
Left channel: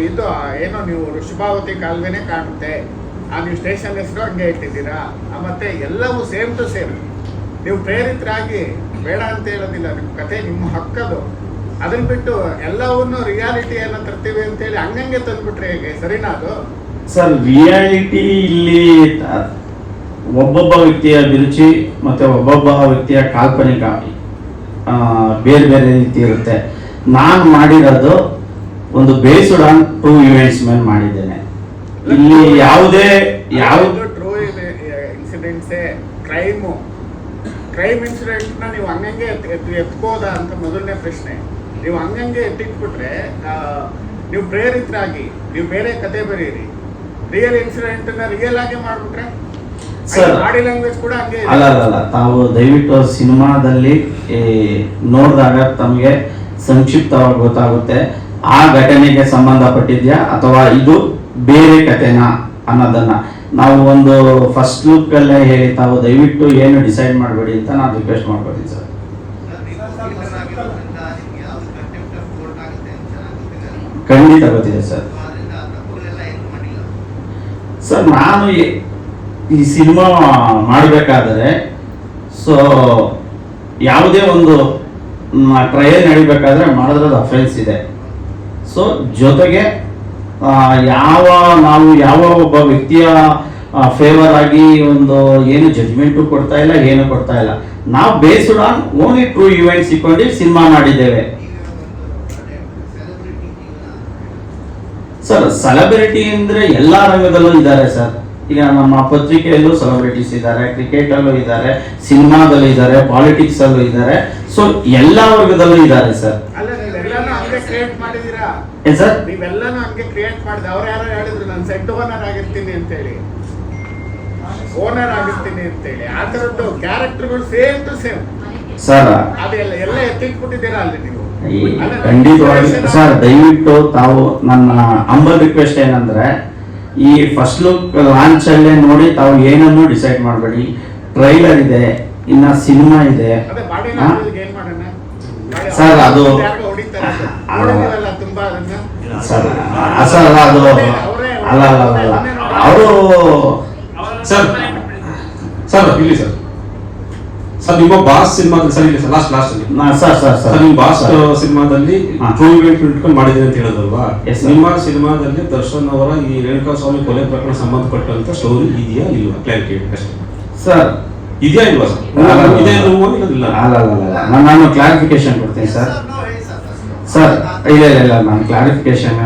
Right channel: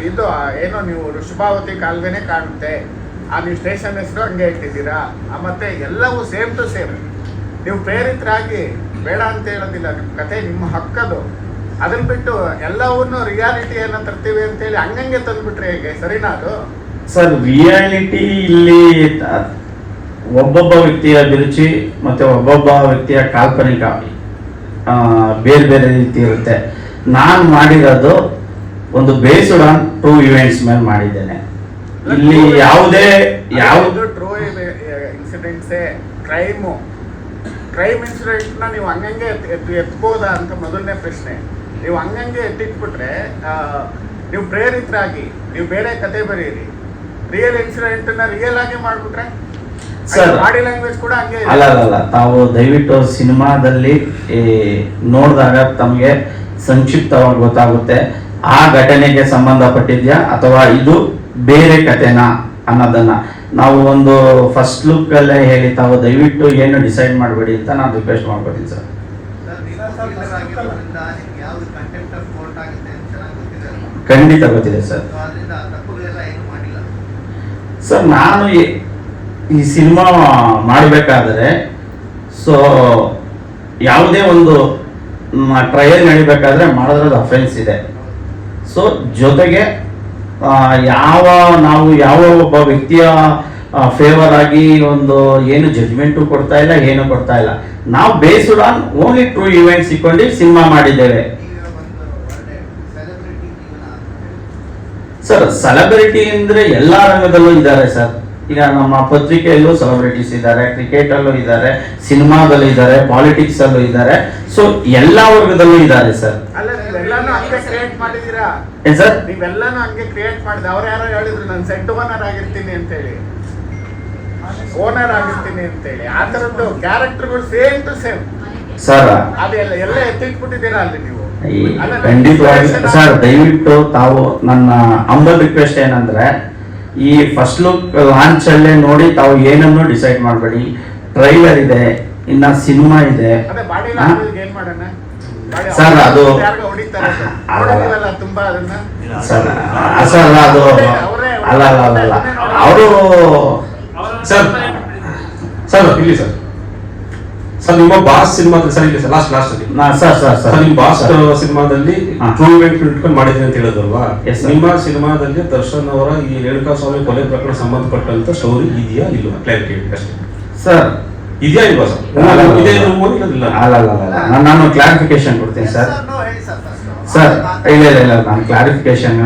ಇದು ಏನೋ ನೀವು ಋಷಭಾವತಿ ಕಾಲುವೆನೇ ಕಾಣುತ್ತೆ. ನೀವು ಸ್ಟೇಷನ್ ಹೆಸರು ಹಂಗೆ ಇಟ್ಟಿದ್ದೀರಾ. ಮತ್ತೆ ಎಲ್ಲವೂ ಸೇಮ್ ಟು ಸೇಮ್. ನೀವು ಪ್ರೇರಿತರಾಗಿ ಬೇಡ ಅಂತ ಹೇಳೋದಿಲ್ಲ. ನಿಮ್ಮ ಕತೆ ನಿಮ್ಮ ಹಕ್ಕದು. ಅದನ್ನ ಬಿಟ್ಟು ಎಲ್ಲವನ್ನೂ ರಿಯಾಲಿಟಿಯನ್ನ ತರ್ತೀವಿ ಅಂತ ಹೇಳಿ ಹಂಗಂಗೆ ತಂದ್ಬಿಟ್ರೆ ಹೇಗೆ? ಸರಿನಾ ಅದು? ಸರ್, ರಿಯಾಲಿಟಿ ಇಲ್ಲಿ ಒಬ್ಬೊಬ್ಬ ವ್ಯಕ್ತಿಯ ಅಭಿರುಚಿ ಮತ್ತೆ ಒಬ್ಬೊಬ್ಬ ವ್ಯಕ್ತಿಯ ಕಾಲ್ಪನಿಕ ಬೇರೆ ಬೇರೆ ರೀತಿ ಇರುತ್ತೆ. ನಾನು ಮಾಡಿರೋದು ಒಂದು ಬೇಸ್ಡ್ ಆನ್ ಟ್ರೂ ಇವೆಂಟ್ಸ್ ಮೇಲೆ ಮಾಡಿದ್ದೇನೆ. ಇಲ್ಲಿ ಯಾವುದೇ ಟ್ರೂ ಇನ್ಸಿಡೆಂಟ್ಸೇ ಕ್ರೈಮ್ ಇನ್ಸಿಡೆಂಟ್ ನ ನೀವು ಹಂಗಂಗೆ ಎತ್ಕೋದಾ ಅಂತ ಮೊದಲನೇ ಪ್ರಶ್ನೆ. ನೀವು ಹಂಗಂಗೆ ಎತ್ತಿಟ್ಬಿಟ್ರೆ ನೀವು ಪ್ರೇರಿತರಾಗಿ ನೀವು ಬೇರೆ ಕತೆ ಬರೀರಿ. ರಿಯಲ್ ಇನ್ಸಿಡೆಂಟ್ ನ ರಿಯಲ್ ಆಗಿ ಮಾಡ್ಬಿಟ್ರೆ ಸರ್, ಬಾಡಿ ಲ್ಯಾಂಗ್ವೇಜ್ ಕೂಡ ಹಂಗೆ. ಅಲ್ಲ, ತಾವು ದಯವಿಟ್ಟು ಸಿನಿಮಾದಲ್ಲಿ ನೋಡಿದಾಗ ತಮಗೆ ಸಂಕ್ಷಿಪ್ತವಾಗಿ ಗೊತ್ತಾಗುತ್ತೆ ಆ ಘಟನೆಗೆ ಸಂಬಂಧಪಟ್ಟಿದ್ಯಾ ಅಥವಾ ಇದು ಬೇರೆ ಕತೆನಾ ಅನ್ನೋದನ್ನ. ನಾವು ಒಂದು ಫಸ್ಟ್ ಲುಕ್ ಅಲ್ಲೇ ಹೇಳಿ ತಾವು ದಯವಿಟ್ಟು ಏನು ಡಿಸೈಡ್ ಮಾಡಬೇಡಿ ಅಂತ ನಾನು ರಿಕ್ವೆಸ್ಟ್ ಮಾಡ್ಕೊತೀನಿ ಸರ್. ಖಂಡಿತ ಗೊತ್ತಿದೆ ಸರ್. ಸರ್, ನಾನು ಈ ಸಿನಿಮಾ ಮಾಡಬೇಕಾದ್ರೆ ಸೊ ಯಾವುದೇ ಒಂದು ಟ್ರಯಲ್ ನಡಿಬೇಕಾದ್ರೆ ಮಾಡಿದ್ರೆ ಅದು ಅಫೆನ್ಸ್ ಇದೆ. ಸೊ ಜೊತೆಗೆ ಯಾವ ಒಬ್ಬ ವ್ಯಕ್ತಿಯ ಫೇವರ್ ಆಗಿ ಒಂದು ಏನು ಜಡ್ಜ್ಮೆಂಟು ಕೊಡ್ತಾ ಇಲ್ಲ, ಏನು ಕೊಡ್ತಾ ಇಲ್ಲ. ನಾವು based on only true events ಇಟ್ಕೊಂಡು ಸಿನಿಮಾ ಮಾಡಿದ್ದೇವೆ. ಸರ್, ಸೆಲೆಬ್ರಿಟಿ ಅಂದ್ರೆ ಎಲ್ಲಾ ರಂಗದಲ್ಲೂ ಇದ್ದಾರೆ ಸರ್. ಈಗ ನಮ್ಮ ಪತ್ರಿಕೆಯಲ್ಲೂ ಸೆಲೆಬ್ರಿಟೀಸ್ ಇದ್ದಾರೆ, ಕ್ರಿಕೆಟ್ ಅಲ್ಲೂ ಇದ್ದಾರೆ, ಸಿನಿಮಾದಲ್ಲೂ ಇದ್ದಾರೆ, ಪಾಲಿಟಿಕ್ಸ್ ಅಲ್ಲೂ ಇದ್ದಾರೆ. ಸೊ ಎಲ್ಲಾ ವರ್ಗದಲ್ಲೂ ಇದ್ದಾರೆ ಸರ್. ಏನ್ ಸರ್? ನೀವೆಲ್ಲಾನು ಹಂಗೆ ಕ್ರಿಯೇಟ್ ಮಾಡಿದೆ. ಅವ್ರು ಯಾರೋ ಹೇಳಿದ್ರು ನಾನು ಸೆಟ್ ಓನರ್ ಆಗಿರ್ತೀನಿ ಅಂತ ಹೇಳಿ, ಓನರ್ ಆಗಿರ್ತೀನಿ ಅಂತ ಹೇಳಿ. ಆ ತರದ್ದು ಕ್ಯಾರೆಕ್ಟರ್ಗಳು ಸೇಮ್ ಟು ಸೇಮ್ ಸರ್. ಅದೆಲ್ಲ ಎತ್ತಿಟ್ಬಿಟ್ಟಿದ್ದೀರಾ ಅಲ್ಲಿ ನೀವು. ಖಂಡಿತವಾಗಿ ಸರ್, ದಯವಿಟ್ಟು ತಾವು ನನ್ನ ಹಂಬಲ್ ರಿಕ್ವೆಸ್ಟ್ ಏನಂದ್ರೆ ಈ ಫಸ್ಟ್ ಲುಕ್ ಲಾಂಚ್ ಅಲ್ಲೇ ನೋಡಿ ತಾವು ಏನನ್ನು ಡಿಸೈಡ್ ಮಾಡಬೇಡಿ. ಟ್ರೈಲರ್ ಇದೆ, ಇನ್ನ ಸಿನಿಮಾ ಇದೆ ಸರ್. ಅದು ಸರ್ ಅದು ಅಲ್ಲ ಅವರು ಸರ್ ಇಲ್ಲಿ ಸರ್ ನಿಮ್ಮ ಬಾಸ್ ಸಿನಿಮಾ ಸರ್ ಇಲ್ಲ ಸರ್ ಲಾಸ್ಟ್ ಸರ್ ನಿಮ್ಮ ಬಾಸ್ ಸಿನಿಮಾದಲ್ಲಿ ಟ್ರೂ ಇವೆಂಟ್ ಇಟ್ಕೊಂಡು ಮಾಡಿದ್ದೀನಿ ಅಂತ ಹೇಳಿದ್ರಲ್ವಾ? ನಿಮ್ಮ ಸಿನಿಮಾದಲ್ಲಿ ದರ್ಶನ್ ಅವರ ಈ ರೇಣುಕಾ ಸ್ವಾಮಿ ಕೊಲೆ ಪ್ರಕರಣ ಸಂಬಂಧಪಟ್ಟಂತ ಸ್ಟೋರಿ ಇದೆಯಾ ಇಲ್ವಾ? ಕ್ಲಾರಿಟಿ ಅಷ್ಟೇ ಸರ್. ಇದೆಯಾ ಇಲ್ವಾ ಸರ್? ನಾನು ಕ್ಲಾರಿಫಿಕೇಶನ್ ಕೊಡ್ತೀನಿ ಸರ್. ಸರ್ ಇಲ್ಲ ನಾನು ಕ್ಲಾರಿಫಿಕೇಶನ್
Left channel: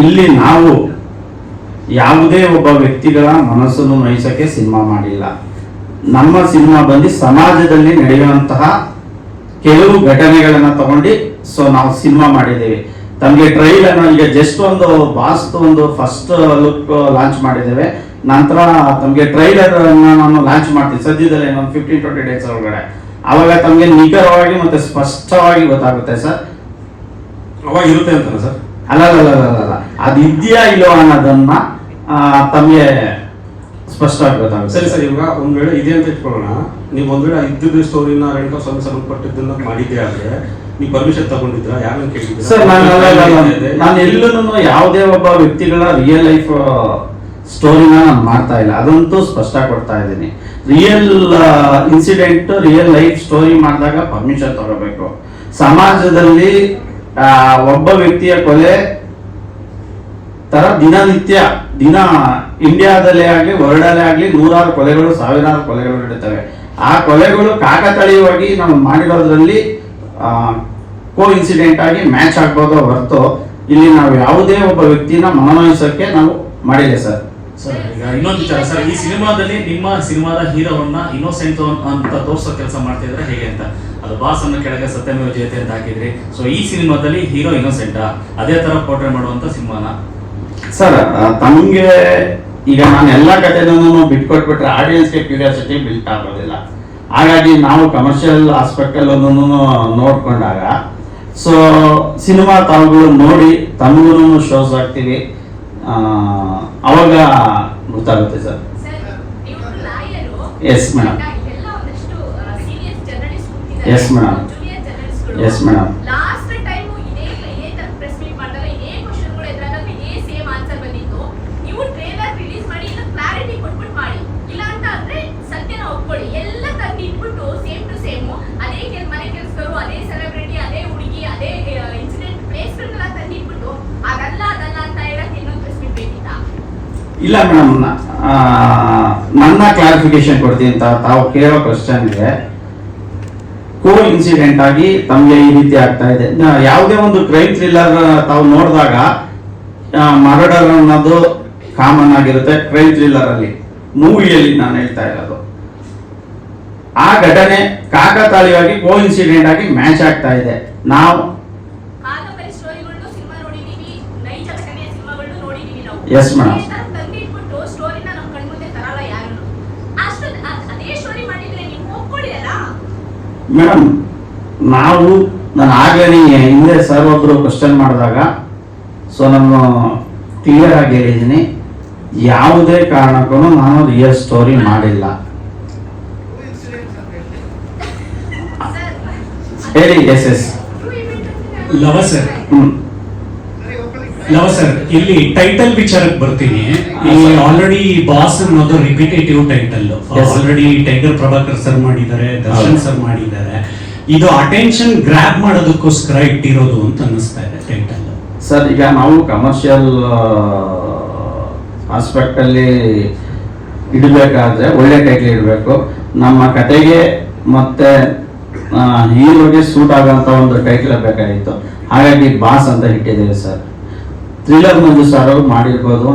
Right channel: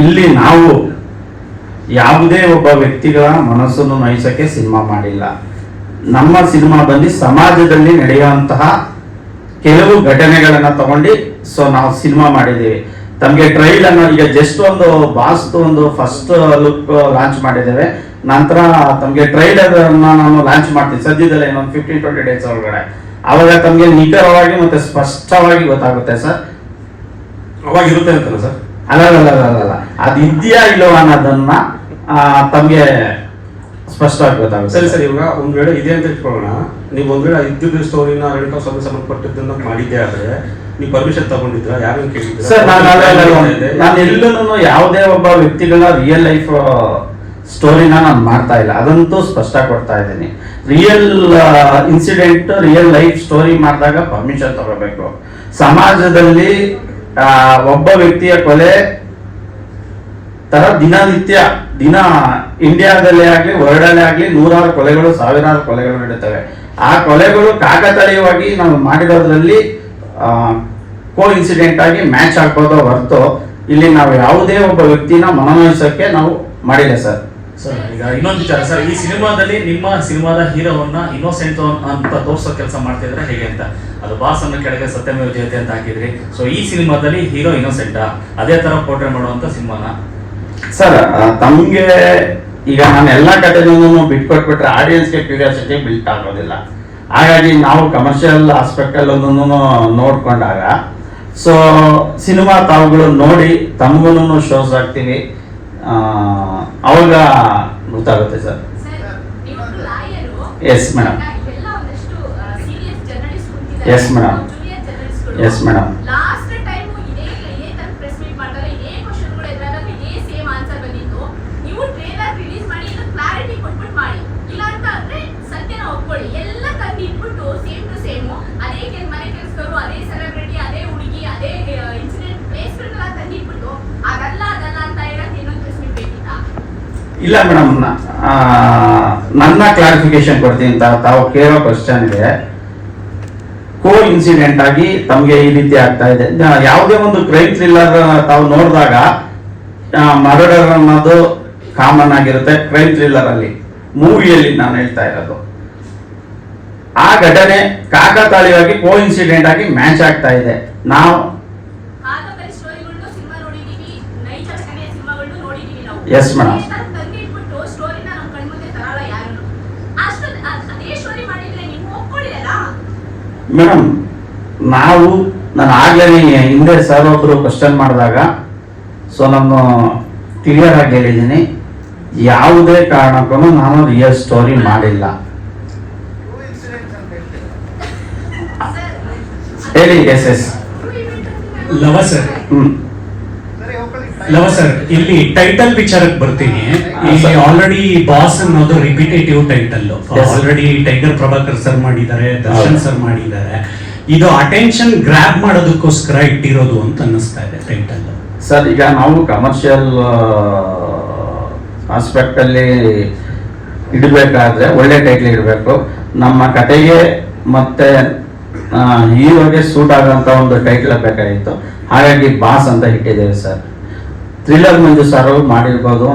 ಇಲ್ಲಿ ನಾವು ಯಾವುದೇ ಒಬ್ಬ ವ್ಯಕ್ತಿಗಳ ಮನಸ್ಸನ್ನು ನೋಯಿಸಕ್ಕೆ ಸಿನಿಮಾ ಮಾಡಿಲ್ಲ. ನಮ್ಮ ಸಿನಿಮಾ ಬಂದು ಸಮಾಜದಲ್ಲಿ ನಡೆಯುವಂತಹ ಕೆಲವು ಘಟನೆಗಳನ್ನ ತಗೊಂಡು ಸೊ ನಾವು ಸಿನಿಮಾ ಮಾಡಿದ್ದೇವೆ. ತಮಗೆ ಟ್ರೈಲರ್ ಈಗ ಜಸ್ಟ್ ಒಂದು ಬಾಸ್ದು ಒಂದು ಫಸ್ಟ್ ಲುಕ್ ಲಾಂಚ್ ಮಾಡಿದ್ದೇವೆ. ನಂತರ ತಮಗೆ ಟ್ರೈಲರ್ ನಾನು ಲಾಂಚ್ ಮಾಡ್ತೀನಿ ಸದ್ಯದಲ್ಲೇ ಒಂದು 15-20 ಡೇಸ್ ಒಳಗಡೆ. ಅವಾಗ ತಮಗೆ ನಿಖರವಾಗಿ ಮತ್ತೆ ಸ್ಪಷ್ಟವಾಗಿ ಗೊತ್ತಾಗುತ್ತೆ ಸರ್. ಅವಾಗ ಇರುತ್ತೆ ಅಂತಲ್ಲ ಸರ್? ಅಲ್ಲ ಅದಿದೆಯಾ ಇಲ್ಲೋ ಅನ್ನೋದನ್ನ ತಮಗೆ ಸ್ಪಷ್ಟವಾಗಿ ಗೊತ್ತಾಗುತ್ತೆ. ಸರಿ ಸರ್, ಇವಾಗ ಒಂದ್ ವೇಳೆ ಇದೆ ಅಂತ ಇಟ್ಕೊಳ್ಳೋಣ, ನೀವು ಒಂದ್ ವೇಳೆ ಇದ್ದಿದ್ದು ಸ್ಟೋರಿನ ರೇಣುಕಾ ಸ್ವಾಮಿ ಸಂಬಂಧಪಟ್ಟಿದ್ದನ್ನ ಮಾಡಿದ್ದೆ ಆದ್ರೆ ನೀವು ಪರ್ಮಿಷನ್ ತಗೊಂಡಿದ್ರ, ಯಾರನ್ನ ಕೇಳಿದ್ರ? ಸರ್ ನಾನು ಎಲ್ಲೂ ಯಾವುದೇ ಒಬ್ಬ ವ್ಯಕ್ತಿಗಳ ರಿಯಲ್ ಲೈಫ್ ಸ್ಟೋರಿನ ನಾನು ಮಾಡ್ತಾ ಇಲ್ಲ, ಅದಂತೂ ಸ್ಪಷ್ಟ ಕೊಡ್ತಾ ಇದ್ದೀನಿ. Real incident, real life story ಮಾಡಿದಾಗ ಪರ್ಮಿಷನ್ ತಗೋಬೇಕು. ಸಮಾಜದಲ್ಲಿ ಒಬ್ಬ ವ್ಯಕ್ತಿಯ ಕೊಲೆ ತರ ದಿನನಿತ್ಯ ಇಂಡಿಯಾದಲ್ಲೇ ಆಗ್ಲಿ ವರ್ಲ್ಡಲ್ಲೇ ಆಗ್ಲಿ ನೂರಾರು ಕೊಲೆಗಳು, ಸಾವಿರಾರು ಕೊಲೆಗಳು ನಡೀತವೆ. ಆ ಕೊಲೆಗಳು ಕಾಕತಾಳೀಯವಾಗಿ ನಾವು ಮಾಡಿರೋದ್ರಲ್ಲಿ ಕೋ ಇನ್ಸಿಡೆಂಟ್ ಆಗಿ ಮ್ಯಾಚ್ ಆಗ್ಬೋದೋ ಹೊರತು ಇಲ್ಲಿ ನಾವು ಯಾವುದೇ ಒಬ್ಬ ವ್ಯಕ್ತಿನ ಮನವೊಲಿಸೋಕೆ ನಾವು ಮಾಡಿಲ್ಲ ಸರ್. ಸರ್ ಈಗ ಇನ್ನೊಂದು ವಿಚಾರ ಸರ್, ಈ ಸಿನಿಮಾದಲ್ಲಿ ನಿಮ್ಮ ಸಿನಿಮಾದ ಹೀರೋವನ್ನ ಇನ್ನೋಸೆಂಟ್ ಅಂತ ತೋರಿಸೋ ಕೆಲಸ ಮಾಡ್ತಿದ್ರೆ ಹೇಗೆ ಅಂತ, ಅದು ಬಾಸ್ ಅನ್ನ ಕೆಳಗೆ ಸತ್ಯಮೇವ ಜಯತೆ ಅಂತ ಹಾಕಿದ್ರಿ. ಸೊ ಈ ಸಿನಿಮಾದಲ್ಲಿ ಹೀರೋ ಇನ್ನೋಸೆಂಟಾ, ಅದೇ ತರ ಪೋರ್ಟ್ರೇ ಮಾಡುವಂತ ಸಿನಿಮಾನ? ಸರ್ ತಮಗೆ ಈಗ ನಾನು ಎಲ್ಲಾ ಕಥೆನೂ ಬಿಟ್ಕೊಟ್ಬಿಟ್ರೆ ಆಡಿಯನ್ಸ್ಗೆ ಕ್ಯೂರಿಯಾಸಿಟಿ ಬಿಲ್ಟ್ ಆಗೋದಿಲ್ಲ. ಹಾಗಾಗಿ ನಾವು ಕಮರ್ಷಿಯಲ್ ಆಸ್ಪೆಕ್ಟ್ ಅಲ್ಲೂ ನೋಡ್ಕೊಂಡಾಗ ಸೊ ಸಿನಿಮಾ ತಾವುಗಳು ನೋಡಿ ತಮಗೂ ಶೋಸ್ ಆಗ್ತೀವಿ, ಅವಾಗ ಗೊತ್ತಾಗುತ್ತೆ sir. Yes madam, yes madam, yes madam. ಇಲ್ಲ ಮೇಡಮ್, ನನ್ನ ಕ್ಲಾರಿಫಿಕೇಶನ್ ಕೊಡ್ತೀನಿ. ತಾವು ಕೇಳೋ ಕ್ವಶನ್ ಇದೆ, ಕೋ ಇನ್ಸಿಡೆಂಟ್ ಆಗಿ ತಮಗೆ ಈ ರೀತಿ ಆಗ್ತಾ ಇದೆ. ಯಾವುದೇ ಒಂದು ಕ್ರೈಮ್ ಥ್ರಿಲ್ಲರ್ ತಾವು ನೋಡಿದಾಗ ಮರ್ಡರ್ ಅನ್ನೋದು ಕಾಮನ್ ಆಗಿರುತ್ತೆ ಕ್ರೈಮ್ ಥ್ರಿಲ್ಲರ್ ಅಲ್ಲಿ. ಮೂವಿಯಲ್ಲಿ ನಾನು ಹೇಳ್ತಾ ಇರೋದು ಆ ಘಟನೆ ಕಾಕತಾಳೀಯವಾಗಿ ಕೋ ಇನ್ಸಿಡೆಂಟ್ ಆಗಿ ಮ್ಯಾಚ್ ಆಗ್ತಾ ಇದೆ. ನಾವು ಎಸ್ ಮೇಡಮ್, ಮೇಡಮ್ ನಾನು ಆಗ್ಲೇ ಹಿಂದೆ ಸರ್ ಒಬ್ರು ಕ್ವಶನ್ ಮಾಡಿದಾಗ ಸೊ ನಾನು ಕ್ಲಿಯರ್ ಆಗಿ ಹೇಳಿದ್ದೀನಿ, ಯಾವುದೇ ಕಾರಣಕ್ಕೂ ನಾನು ರಿಯಲ್ ಸ್ಟೋರಿ ಮಾಡಿಲ್ಲ. ಹೇಳಿ. Yes yes Lava sir, Lava sir, ಇಲ್ಲಿ ಟೈಟಲ್ ವಿಚಾರಕ್ಕೆ ಬರ್ತೀನಿ. ಇಲ್ಲಿ ಆಲ್ರೆಡಿ ಬಾಸ್ ಅನ್ನೋದು repetitive title. Already tiger Prabhakar sir ಮಾಡಿದ್ದಾರೆ, ದರ್ಶನ್ ಸರ್ ಮಾಡಿದ್ದಾರೆ. ಇದು ಅಟೆನ್ಷನ್ ಗ್ರಾಬ್ ಮಾಡೋದಕ್ಕೋಸ್ಕರ ಇಟ್ಟಿರೋದು ಅಂತ ಅನ್ನಿಸ್ತಾ ಇದೆ ಟೈಟಲ್. ಸರ್ ಈಗ ನಾವು ಕಮರ್ಷಿಯಲ್ ಆಸ್ಪೆಕ್ಟ್ ಅಲ್ಲಿ ಇಡಬೇಕಾದ್ರೆ ಒಳ್ಳೆ ಟೈಟಲ್ ಇಡಬೇಕು. ನಮ್ಮ ಕತೆಗೆ ಮತ್ತೆ ಹೀರೋಗೆ ಸೂಟ್ ಆಗುವಂತ ಒಂದು ಟೈಟಲ್ ಬೇಕಾಗಿತ್ತು. ಹಾಗಾಗಿ ಬಾಸ್ ಅಂತ ಇಟ್ಟಿದ್ದೇವೆ ಸರ್. ಥ್ರಿಲ್ಲರ್ ಮಂಜು ಸರ್ ಅವರು ಮಾಡಿರ್ಬೋದು,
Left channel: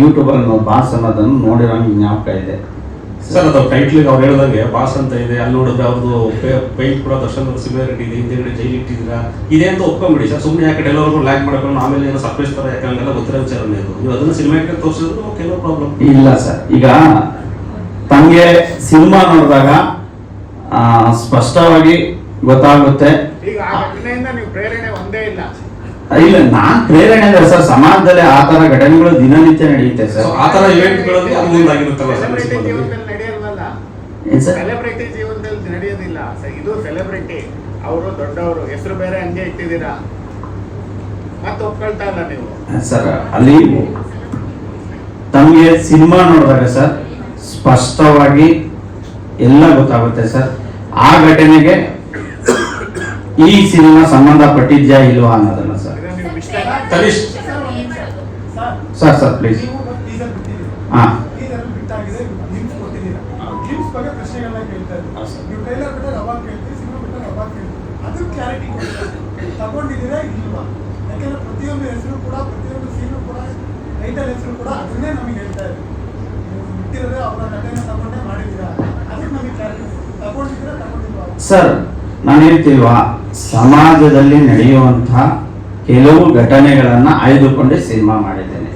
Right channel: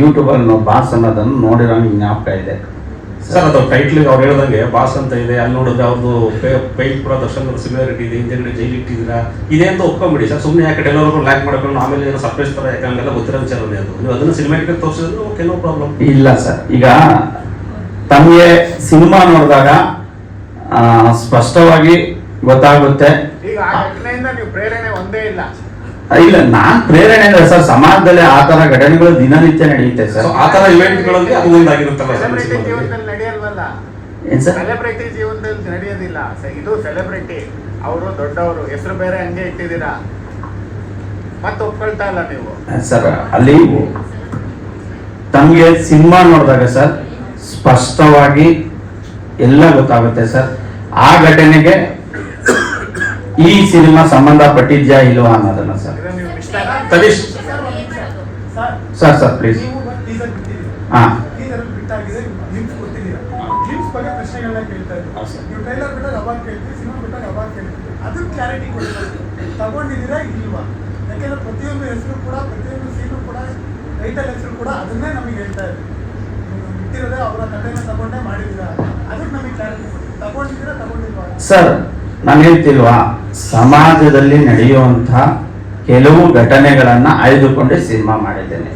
ಯೂಟ್ಯೂಬ್ ಅಲ್ಲಿ ಬಾಸ್ ಅನ್ನೋದನ್ನು ನೋಡಿರೋ ಜ್ಞಾಪಕ ಇದೆ ಸರ್. ಅದು ಟೈಟ್ಲ್ ಅವ್ರು ಹೇಳಿದಂಗೆ ಬಾಸ್ ಅಂತ ಇದೆ, ಅಲ್ಲಿ ನೋಡಿದ್ರೆ ಅವ್ರದ್ದು ಪೈಂಟ್ ಕೂಡ ದರ್ಶನ್ ಸಿಮಿಲಾರಿಟಿ ಇದೆ, ಹಿಂದೆ ಜೈಲ್ ಇಟ್ಟಿದ್ದೀರಾ ಇದೆ ಅಂತ ಒಪ್ಕೊಂಬಿಡಿ ಸರ್. ಸುಮ್ಮನೆ ಯಾಕೆ ಎಲ್ಲರಿಗೂ ಲ್ಯಾಕ್ ಮಾಡ್ಕೊಂಡು ಆಮೇಲೆ ಏನೋ ಸರ್ಪ್ರೈಸ್ ತರ ಯಾಕಂಗೆಲ್ಲ ಗೊತ್ತಿರೋ ವಿಚಾರನೇ ಅದು. ನೀವು ಅದನ್ನು ಸಿನಿಮಾಕ್ಕೆ ತೋರಿಸಿದ್ರು ಕೆಲವು ಪ್ರಾಬ್ಲಮ್ ಇಲ್ಲ ಸರ್. ಈಗ ತಮಗೆ ಸಿನಿಮಾ ನೋಡಿದಾಗ ಸ್ಪಷ್ಟವಾಗಿ ಗೊತ್ತಾಗುತ್ತೆ. ಇಲ್ಲ, ನಾನ್ ಪ್ರೇರಣೆ ಅಂದ್ರೆ ಸರ್ ಸಮಾಜದಲ್ಲಿ ಆ ತರ ಘಟನೆಗಳು ದಿನನಿತ್ಯ ನಡೆಯುತ್ತೆ ಸರ್. ಆ ತರ ಇವೆಂಟ್ಗಳಲ್ಲಿ ಅಲ್ಲಿಂದ ಆಗಿರುತ್ತಲ್ಲ ಏನ್ ಸರ್? ಸೆಲೆಬ್ರಿಟಿ ಜೀವನದಲ್ಲಿ ನಡೆಯೋದಿಲ್ಲ. ಇದು ಸೆಲೆಬ್ರಿಟಿ, ಅವರು ದೊಡ್ಡವರು, ಹೆಸರು ಬೇರೆ ಹಂಗೆ ಇಟ್ಟಿದ್ದೀರಾ, ಮತ್ತೆ ಒಪ್ಕೊಳ್ತಾ ಇಲ್ಲ ನೀವು ಸರ್. ಅಲ್ಲಿ ತಮಗೆ ಸಿನಿಮಾ ನೋಡಿದಾಗ ಸರ್ ಸ್ಪಷ್ಟವಾಗಿ ಎಲ್ಲ ಗೊತ್ತಾಗುತ್ತೆ ಸರ್. ಆ ಘಟನೆಗೆ ಈ ಸಿನಿಮಾ ಸಂಬಂಧಪಟ್ಟಿದ್ಯಾ ಇಲ್ವಾ ಅನ್ನೋದನ್ನ ಸರ್. Tanish sir please. ಹಾ ಸರ್, ನಾನು ಹೇಳ್ತಿಲ್ವಾ, ಸಮಾಜದಲ್ಲಿ ನಡೆಯುವಂತಹ ಕೆಲವು ಘಟನೆಗಳನ್ನ ಆಯ್ದುಕೊಂಡೆ ಸಿನಿಮಾ ಮಾಡಿದ್ದೇನೆ.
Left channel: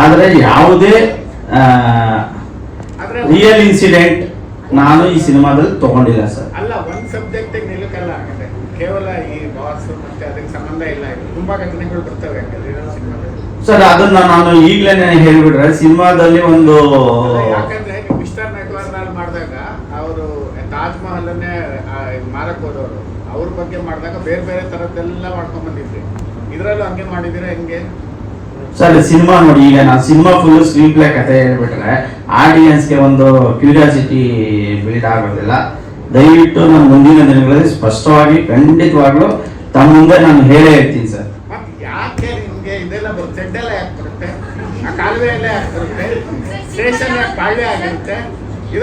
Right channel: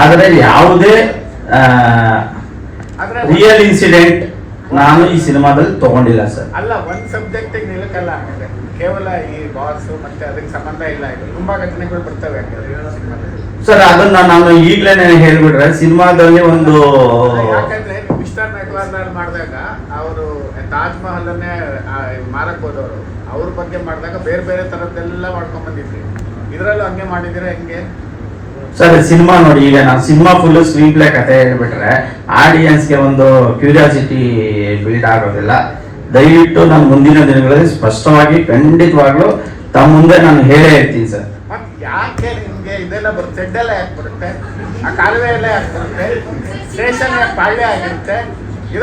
ಆದರೆ ಯಾವುದೇ ರಿಯಲ್ ಇನ್ಸಿಡೆಂಟ್ ನಾನು ಈ ಸಿನಿಮಾದಲ್ಲಿ ತಗೊಂಡಿಲ್ಲ ಸರ್. ಅಲ್ಲ, ಒಂದು ಸಬ್ಜೆಕ್ಟ್ ನಿಲ್ಲಕ್ಕಲ್ಲ, ಕೇವಲ ಈ ಬಾಸ್ ಮತ್ತೆ ಅದಕ್ಕೆ ಸಂಬಂಧ ಇಲ್ಲ. ತುಂಬಾ ಘಟನೆಗಳು ಬರ್ತವೆ ಸಿನಿಮಾದಲ್ಲಿ. ಸರ್ ಅದನ್ನ ನಾನು ಈಗ್ಲೇನೆ ಹೇಳ್ಬಿಟ್ರೆ ಸಿನಿಮಾದಲ್ಲಿ ಒಂದು ಯಾಕಂದ್ರೆ ಮಿಸ್ಟರ್ ಮೆಕ್ಲಾರ್ನರ್ ಮಾಡಿದಾಗ ಅವರು ತಾಜ್ ಮಹಲನ್ನೇ ಮಾರಕ್ ಹೋದವರು ಅವ್ರ ಬಗ್ಗೆ ಮಾಡಿದಾಗ ಬೇರೆ ಬೇರೆ ತರದ್ದೆಲ್ಲ ಮಾಡ್ಕೊಂಡ್ ಬಂದಿದ್ರಿ, ಇದ್ರಲ್ಲೂ ಹಂಗೆ ಮಾಡಿದಿರ ಹೆಂಗೆ? ಸರ್ ಸಿನಿಮಾ ನೋಡಿ, ಈಗ ನಾನು ಸಿನಿಮಾ ಫುಲ್ ಸ್ಕ್ರೀನ್ ಪ್ಲೇ ಕಥೆ ಹೇಳ್ಬಿಟ್ರೆ ಆಡಿಯನ್ಸ್ಗೆ ಒಂದು ಕ್ಯೂರಿಯಾಸಿಟಿ ಬಿಲ್ಡ್ ಆಗೋದಿಲ್ಲ. ದಯವಿಟ್ಟು ನಾನು ಮುಂದಿನ ದಿನಗಳಲ್ಲಿ ಸ್ಪಷ್ಟವಾಗಿ ಖಂಡಿತವಾಗ್ಲೂ ತಮ್ಮ ಮುಂದೆ ನಾನು ಹೇಳೇ ಹೇಳ್ತೀನಿ ಸರ್. ಯಾಕೆ ನಿಮ್ಗೆ ಇದೆಲ್ಲ ಬರುತ್ತೆ? ಸೆಡ್ಡೆಲ್ಲ ಯಾಕೆ ಬರುತ್ತೆ? ಆ ಕಾಲುವೆ ಎಲ್ಲ ಯಾಕೆ ಬರುತ್ತೆ? ಸ್ಟೇಷನ್ ಯಾಕೆ ಪಾಳ್ಯ ಆಗಿರುತ್ತೆ?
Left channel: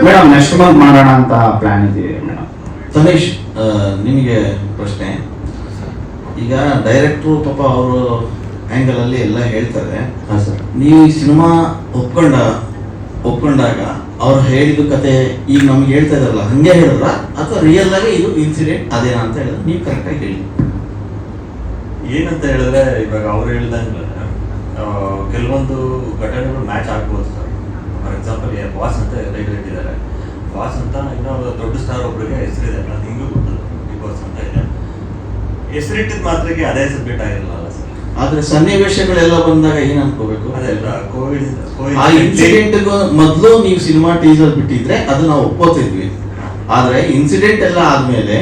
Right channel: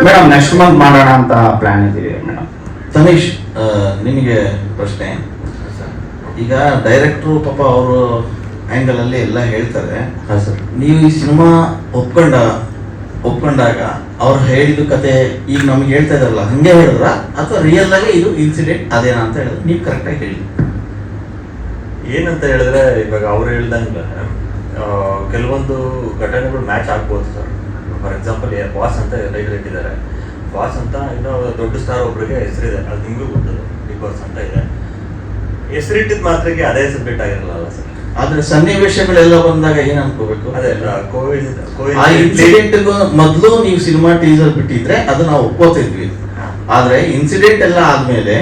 ಮೇಡಮ್ ನೆಕ್ಸ್ಟ್ ಮಂತ್ ಮಾಡೋಣ ಅಂತ ಪ್ಲಾನ್ ಇದೀವಿ ಮೇಡಮ್. ತನೇಶ್, ನಿಮಗೆ ಪ್ರಶ್ನೆ. ಈಗ ಡೈರೆಕ್ಟ್ರು ಪಾಪ ಅವರು ಆ್ಯಂಗಲ್ ಅಲ್ಲಿ ಎಲ್ಲ ಹೇಳ್ತಾರೆ. ನೀವು ಈ ಸಿನಿಮಾ ಒಪ್ಕೊಂಡಾಗ ಅವ್ರು ಹೇಳಿದ ಕತೆ ಈಗ ನಮ್ಗೆ ಹೇಳ್ತಾ ಇದಾರಲ್ಲ ಹಂಗೆ ಹೇಳಿದ್ರ ಅಥವಾ ರಿಯಲ್ ಆಗಿ ಇದು ಇನ್ಸಿಡೆಂಟ್ ಅದೇನಾ ಅಂತ ಹೇಳಿದ್ರೆ ನೀವು ಕರೆಕ್ಟಾಗಿ ಹೇಳಿ. ಏನಂತ ಹೇಳಿದ್ರೆ ಇವಾಗ ಅವ್ರು ಹೇಳ್ದಂಗೆ ಕೆಲವೊಂದು ಘಟನೆಗಳು ಮ್ಯಾಚ್ ಆಗ್ಬೋದು ಸರ್. ಫಾರ್ ಎಕ್ಸಾಂಪಲ್ ಬಾಸ್ ಅಂತ ರೈಟರ್ ಇಟ್ಟಿದ್ದಾರೆ. ಬಾಸ್ ಅಂತ ಇನ್ನೂ ದೊಡ್ಡ ಸ್ಟಾರ್ ಒಬ್ಬರಿಗೆ ಹೆಸರಿದೆ, ಅದು ನಿಮಗೂ ಗೊತ್ತದು, ಬಿಗ್ ಬಾಸ್ ಅಂತ ಇದೆ. ಹೆಸರಿಟ್ಟಿದ್ ಮಾತ್ರಕ್ಕೆ ಅದೇ ಸಬ್ಜೆಕ್ಟ್ ಆಗಿರಲ್ಲ ಸರ್. ಆದ್ರೆ ಸನ್ನಿವೇಶಗಳೆಲ್ಲ ಬಂದಾಗ ಏನ್ ಅನ್ಕೋಬೇಕು? ಅದೇ ಆ ಇನ್ಸಿಡೆಂಟ್ ಮೊದಲು ನೀವು ಸಿನಿಮಾ ಟೀಸರ್ ಬಿಟ್ಟಿದ್ರೆ ಅದು ನಾವು ಒಪ್ಕೋತಿದ್ವಿ. ಆದ್ರೆ ಇನ್ಸಿಡೆಂಟ್ ಎಲ್ಲ ಆದ್ಮೇಲೆ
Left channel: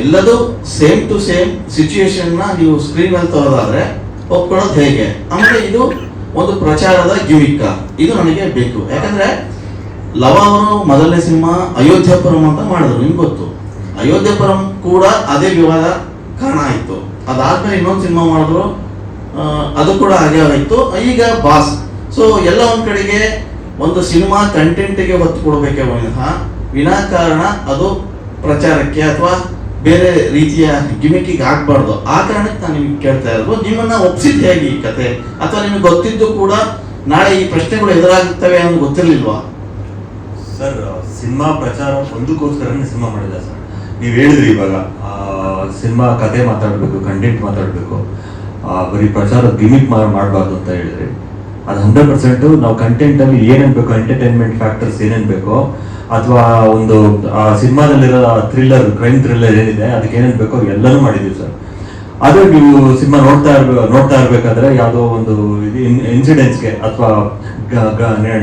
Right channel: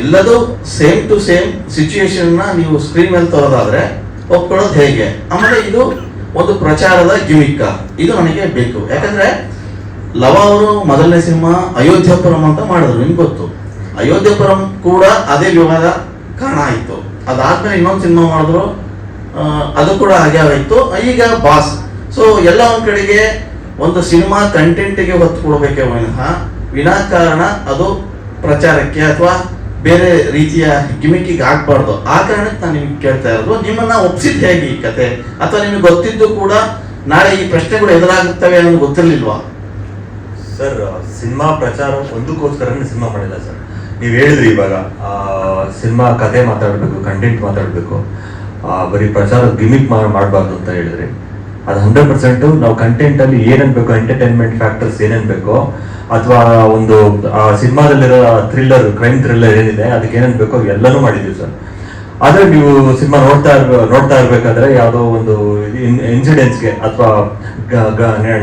ಎಲ್ಲದೂ ಸೇಮ್ ಟು ಸೇಮ್ ಸಿಚುಯೇಷನ್ ನ ನೀವು ಸ್ಕ್ರೀನ್ ಅಲ್ಲಿ ತರೋದಾದ್ರೆ ಒಪ್ಕೊಳ್ಳೋದು ಹೇಗೆ? ಆಮೇಲೆ ಇದು ಒಂದು ಪ್ರಚಾರದ ಗಿಮಿಕ್ಕ, ಇದು ನನಗೆ ಬೇಕು. ಯಾಕಂದ್ರೆ ಲವ ಅವರು ಮೊದಲನೇ ಸಿನಿಮಾ ಅಯೋಧ್ಯಪುರಂ ಅಂತ ಮಾಡಿದ್ರು, ನಿಮ್ಗೆ ಗೊತ್ತು. ಅಯೋಧ್ಯಪುರಂ ಕೂಡ ಅದೇ ವಿವಾದ ಕಾರಣ ಆಯ್ತು. ಅದಾದ್ಮೇಲೆ ಇನ್ನೊಂದು ಸಿನಿಮಾ ಮಾಡಿದ್ರು, ಅದು ಕೂಡ ಹಾಗೆ ಆಯ್ತು. ಈಗ ಬಾಸ್. ಸೊ ಎಲ್ಲ ಒಂದ್ ಕಡೆಗೆ ಒಂದು ಸಿನಿಮಾ ಕಂಟೆಂಟ್ಗೆ ಹೊತ್ತು ಕೊಡಬೇಕೆ ವಿನಾಕಾರಣ ಅದು ಪ್ರಚಾರಕ್ಕೆ ಅಥವಾ ಬೇರೆ ರೀತಿಯ ಗಿಮಿಕಿಗೆ ಆಗ್ಬಾರ್ದು. ಆ ಕಾರಣಕ್ಕೆ ನಾನು ನಿಮ್ಗೆ ಕೇಳ್ತಾ ಇರೋದು, ನಿಮ್ಮನ್ನ ಒಪ್ಸಿದ್ ಹೇಗೆ ಈ ಕತೆ? ಅಥವಾ ನಿಮ್ಗೆ ಗೊತ್ತಿದ್ದು ಕೂಡ ನಾಳೆ ಈ ಪ್ರಶ್ನೆಗಳು ಎದುರಾಗುತ್ತವೆ ಅನ್ನೋದು ಗೊತ್ತಿರ್ಲಿಲ್ವಾ? ಸರ್ ಸಿನಿಮಾ ಪ್ರಚಾರ ಒಂದಕ್ಕೋಸ್ಕರನೇ ಸಿನಿಮಾ ಮಾಡಿಲ್ಲ ಸರ್. ನೀವು ಹೇಳಿದ್ರಿ ಇವಾಗ ಸಿನಿಮಾ ಕತೆ ಮಾತಾಡಬೇಕು, ಕಂಟೆಂಟ್ ಮಾತಾಡಬೇಕು, ಬರೀ ಪ್ರಚಾರ ಗಿಮಿಕ್ ಮಾಡಬಾರ್ದು ಅಂತ ಹೇಳಿದ್ರಿ. ಅದು 100% ನಾವು ಕಂಟೆಂಟ್ ಅಲ್ಲಿ ಏನೇನ್ ಬೇಕು, ಎಂಟರ್ಟೈನ್ಮೆಂಟ್ ಫ್ಯಾಕ್ಟರ್ಸ್ ಏನೇನ್ ಬೇಕೋ, ಅಥವಾ ಒಂದು ಸಿನಿಮಾದಲ್ಲಿರೋ ಥ್ರಿಲ್ಲರ್, ಕ್ರೈಮ್ ಥ್ರಿಲ್ಲರ್ ಏನಿದೆ ಅದಕ್ಕೆ ಏನೇನ್ ಬೇಕೋ ಎಲ್ಲನೂ ಮಾಡಿದ್ವಿ ಸರ್. ಆದ್ರೆ ನೀವು ಸಿನಿಮಾ ನೋಡ್ತಾ ಇರ್ಬೇಕಾದ್ರೆ ಯಾವುದೋ ಒಂದು ಇನ್ಸಿಡೆಂಟ್ಸ್ಗೆ ಅಥವಾ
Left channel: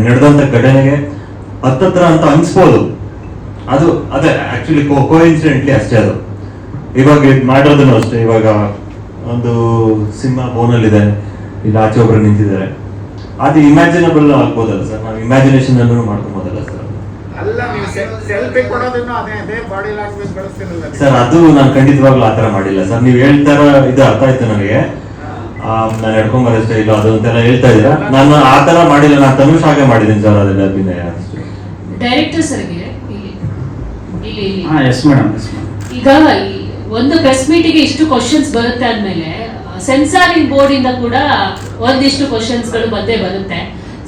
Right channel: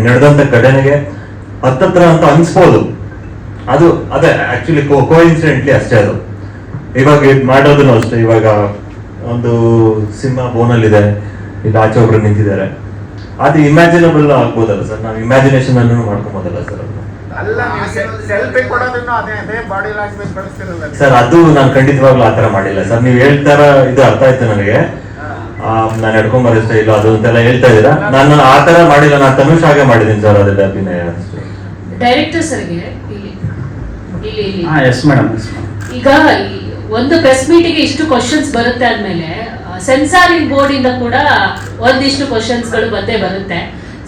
ನಡೆದಂತ ಘಟನೆಗೆ ಹತ್ತತ್ರ ಅಂತ ಅನ್ಸ್ಬೋದು. ಅದು ಅದೇ ಆಕ್ಚುಲಿ ಕೋಇನ್ಸಿಡೆಂಟ್ಲಿ ಅಷ್ಟೇ. ಅದು ಇವಾಗ ಮಾಡೋದನ್ನು ಅಷ್ಟೇ. ಇವಾಗ ಒಂದು ಸಿನಿಮಾ ಬೋನಲ್ಲಿದೆ, ಇಲ್ಲಿ ಆಚೆ ಒಬ್ರು ನಿಂತಿದ್ದಾರೆ, ಅದು ಇಮ್ಯಾಜಿನಬಲ್ ಆಗ್ಬೋದಲ್ಲ ಸರ್. ನಾವು ಇಮ್ಯಾಜಿನೇಷನ್ ಅನ್ನು ಮಾಡ್ಕೊಬೋದಲ್ಲ ಸರ್. ಸರ್ ಅದು ನಾನು ಖಂಡಿತವಾಗ್ಲೂ ಆತರ ಮಾಡಿಲ್ಲ ಸರ್. ನೀವು ಹೇಳ್ತಾರ ಇದು ಅರ್ಥ ಆಯ್ತು ನನಗೆ. ನಾನು ಎಡ್ಕೊಂಬರಷ್ಟೇ ಇಲ್ಲ ಅದು ಅಂತೆಲ್ಲ ಹೇಳ್ತಾ ಇದ್ದೀರಾ. ನಾನು ಆತರ ಮಾಡಿಲ್ಲ, ನಾನು ತನುಷ್ ಹಾಗೆ ಮಾಡಿದ್ದೀನಿ ಸರ್. ಅದೆಲ್ಲ ಅಭಿನಯ ಡೈರೆಕ್ಟರ್ ಸರ್ಗೆ ಎಸ್ ಮೇಡಮ್. ಈಗ ಒಂದು ಪ್ರೆಸ್ ಮೀಟಿಗೆ ಇಷ್ಟು ಕ್ವಶನ್ಸ್ ಬರುತ್ತೆ ಅಂದ್ಮೇಲೆ ಸೆನ್ಸಾರಿಂಗ್ ಬೋರ್ಡ್ ಇಂದ ಕೂಡ ಒಂದಿಷ್ಟು ಕ್ವಶನ್ಸ್ ಗಳು ಬಂದೇ ಬರುತ್ತೆ.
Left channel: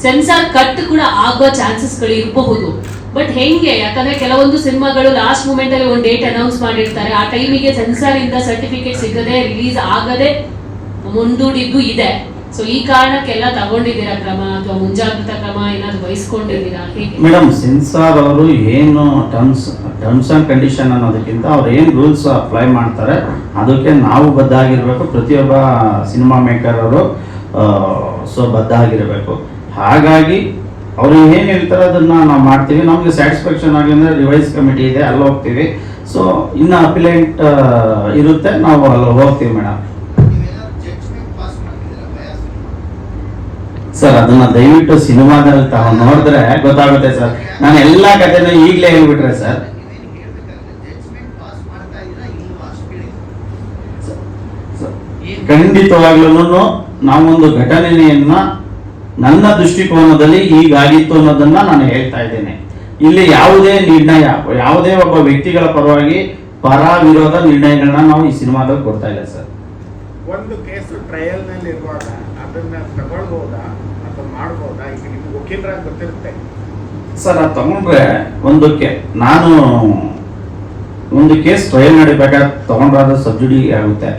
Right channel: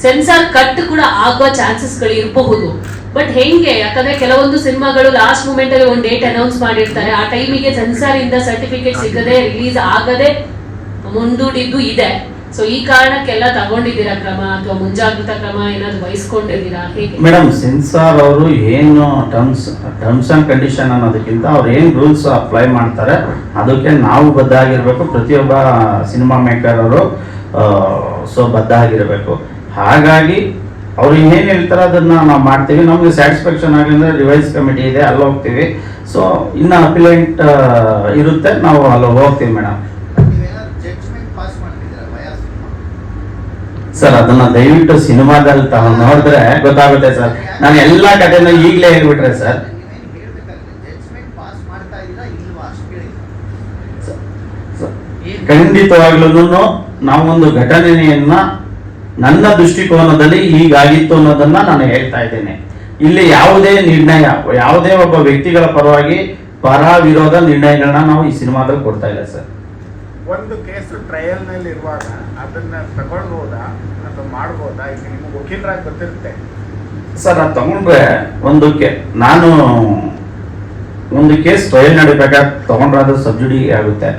ಸೆನ್ಸಾರ್ ಕಟ್ ಕೂಡ ಆಗೋ ಚಾನ್ಸಸ್ ಗಳು ಇರಬಹುದು. ಬಟ್ ಹೆಂಗೆ? ಯಾಕಂದ್ರೆ ಕೆಲವೊಂದು ಸಿನಿಮಾಗಳು ಲಾಸ್ಟ್ ಮೂಮೆಂಟ್ ಅಲ್ಲಿ ಒಂದು ಡೇಟ್ ಅನೌನ್ಸ್ ಮಾಡಿರ್ತಾರೆ, ಆ ಟೈಮಿಗೆ ಸೆನ್ಸಾರ್ ಇಂದ ಸರ್ಟಿಫಿಕೇಟ್ ಸಿಗದೆ ರಿಲೀಸ್ ಆಗದೆ ಮುಂದೂಡಿದ್ದು ಇದೆ. ಸೊ ಈ ಕಾರಣಕ್ಕೆಲ್ಲ ತಗೊಂಡಿದ್ದೀರಾ ಕ್ರಮ ಅಥವಾ ಮುಂಜಾಗ್ರತಾ ಕ್ರಮ ಏನಾದ್ರು ವಹಿಸ್ಕೊಂಡಿದ್ದೀರಾ ಹೇಗೆ? ಮೇಡಮ್ ಸೆನ್ಸಾರ್ ಅವರು ಏನು ಟರ್ಮ್ಸ್ ಅಂಡ್ ಕಂಡೀಷನ್ ಅನ್ನೋದಕ್ಕಿಂತ ಅವ್ರು ಏನು ರೂಲ್ಸ್ ಅಪ್ಲೈ ಮಾಡ್ತಾರೆ ಅದಕ್ಕೆ ನಾವು ಬದ್ಧ ಆಗಿರ್ಬೇಕು. ಪ್ರತಿಯೊಬ್ಬ ಸಿನಿಮಾ ಮೇಕರ್ ಅವರು ಸೊ ಬದ್ಧ ಆಗಿರಬೇಕು. ಹಾಗಾಗಿ ಅವ್ರು ಏನ್ ಹೇಳ್ತಾರೆ ಅದನ್ನ ನಾವು ಮಾಡ್ತೀವಿ. ನಮ್ಗೆ ಸ್ಯಾಟಿಸ್ಫ್ಯಾಕ್ಷನ್ ಆಗಲಿಂದ್ರೆ ರಿವೈಸ್ ಕಮಿಟಿ ಇದೆ, ಅಲ್ಲಿ ಹೋಗ್ತೀವಿ. ಸೊ ಇನ್ನು ಅಪಿಲೆಂಟ್ ಇರುತ್ತೆ, ನಾವು ಅಲ್ಲಿ ಹೋಗ್ತೀವಿ ಮೇಡಮ್. ಸರ್ ಅದನ್ನ ದಯವಿಟ್ಟು ಸಿನಿಮಾದಲ್ಲಿ ತಾವು ನೋಡಿದ್ರೆ ಗೊತ್ತಾಗುತ್ತೆ ಸರ್. ನಾನು ಎಲ್ಲಾ ಕಥೆನೂ ಈಗಲೇ ಹೇಳ್ಬಿಟ್ರೆ ಸರ್. ಖಂಡಿತವಾಗ್ಲೂ ನಾವೊಂದು ಘಟನೆಯನ್ನ ನನ್ನ ದೃಷ್ಟಿಕೋನದಲ್ಲಿ ಹೀಗಾಗಿತ್ತು ಅನ್ನೋದನ್ನ ನಾನು ಹೇಳ್ತಾ ಇದ್ದೇನೆ. ಇಲ್ಲಿ ಯಾವುದೇ ನಿರ್ಣಯ, ಯಾವುದೇ ಒಬ್ಬ ವ್ಯಕ್ತಿಗಳ ಪರವಾಗಿ ಪರ ವಿರೋಧ ನಿರ್ಣಯಗಳನ್ನ ನಾವು ಈ ಸಿನಿಮಾದಲ್ಲಿ ಕೊಡ್ತಾ ಇಲ್ಲ ಸರ್. ಒಂದು ಕೇಸ್ ಟ್ರಯಲ್ ನಲ್ಲಿ ಇರುವಾಗ ಅದನ್ನ ತಗೊಳ್ಬಹುದಾ ಅಥವಾ ಮಾಡಬಹುದಾ? ಈಗ ನಿಮ್ಗೆ ವಕೀಲರಾಗಿ ಗೊತ್ತಿರುತ್ತೆ ಸರ್. ಅದು ತಗೊಂಡ್ರೆ ನಾನು ಒಂದು ಕೇಸ್ ಟ್ರಯಲ್ ನಡಿಬೇಕಾದ್ರೆ ತಗೊಂಡ್ರೆ ಅದು ಸಬ್ಸಿಡಿ ಆಗುತ್ತೆ.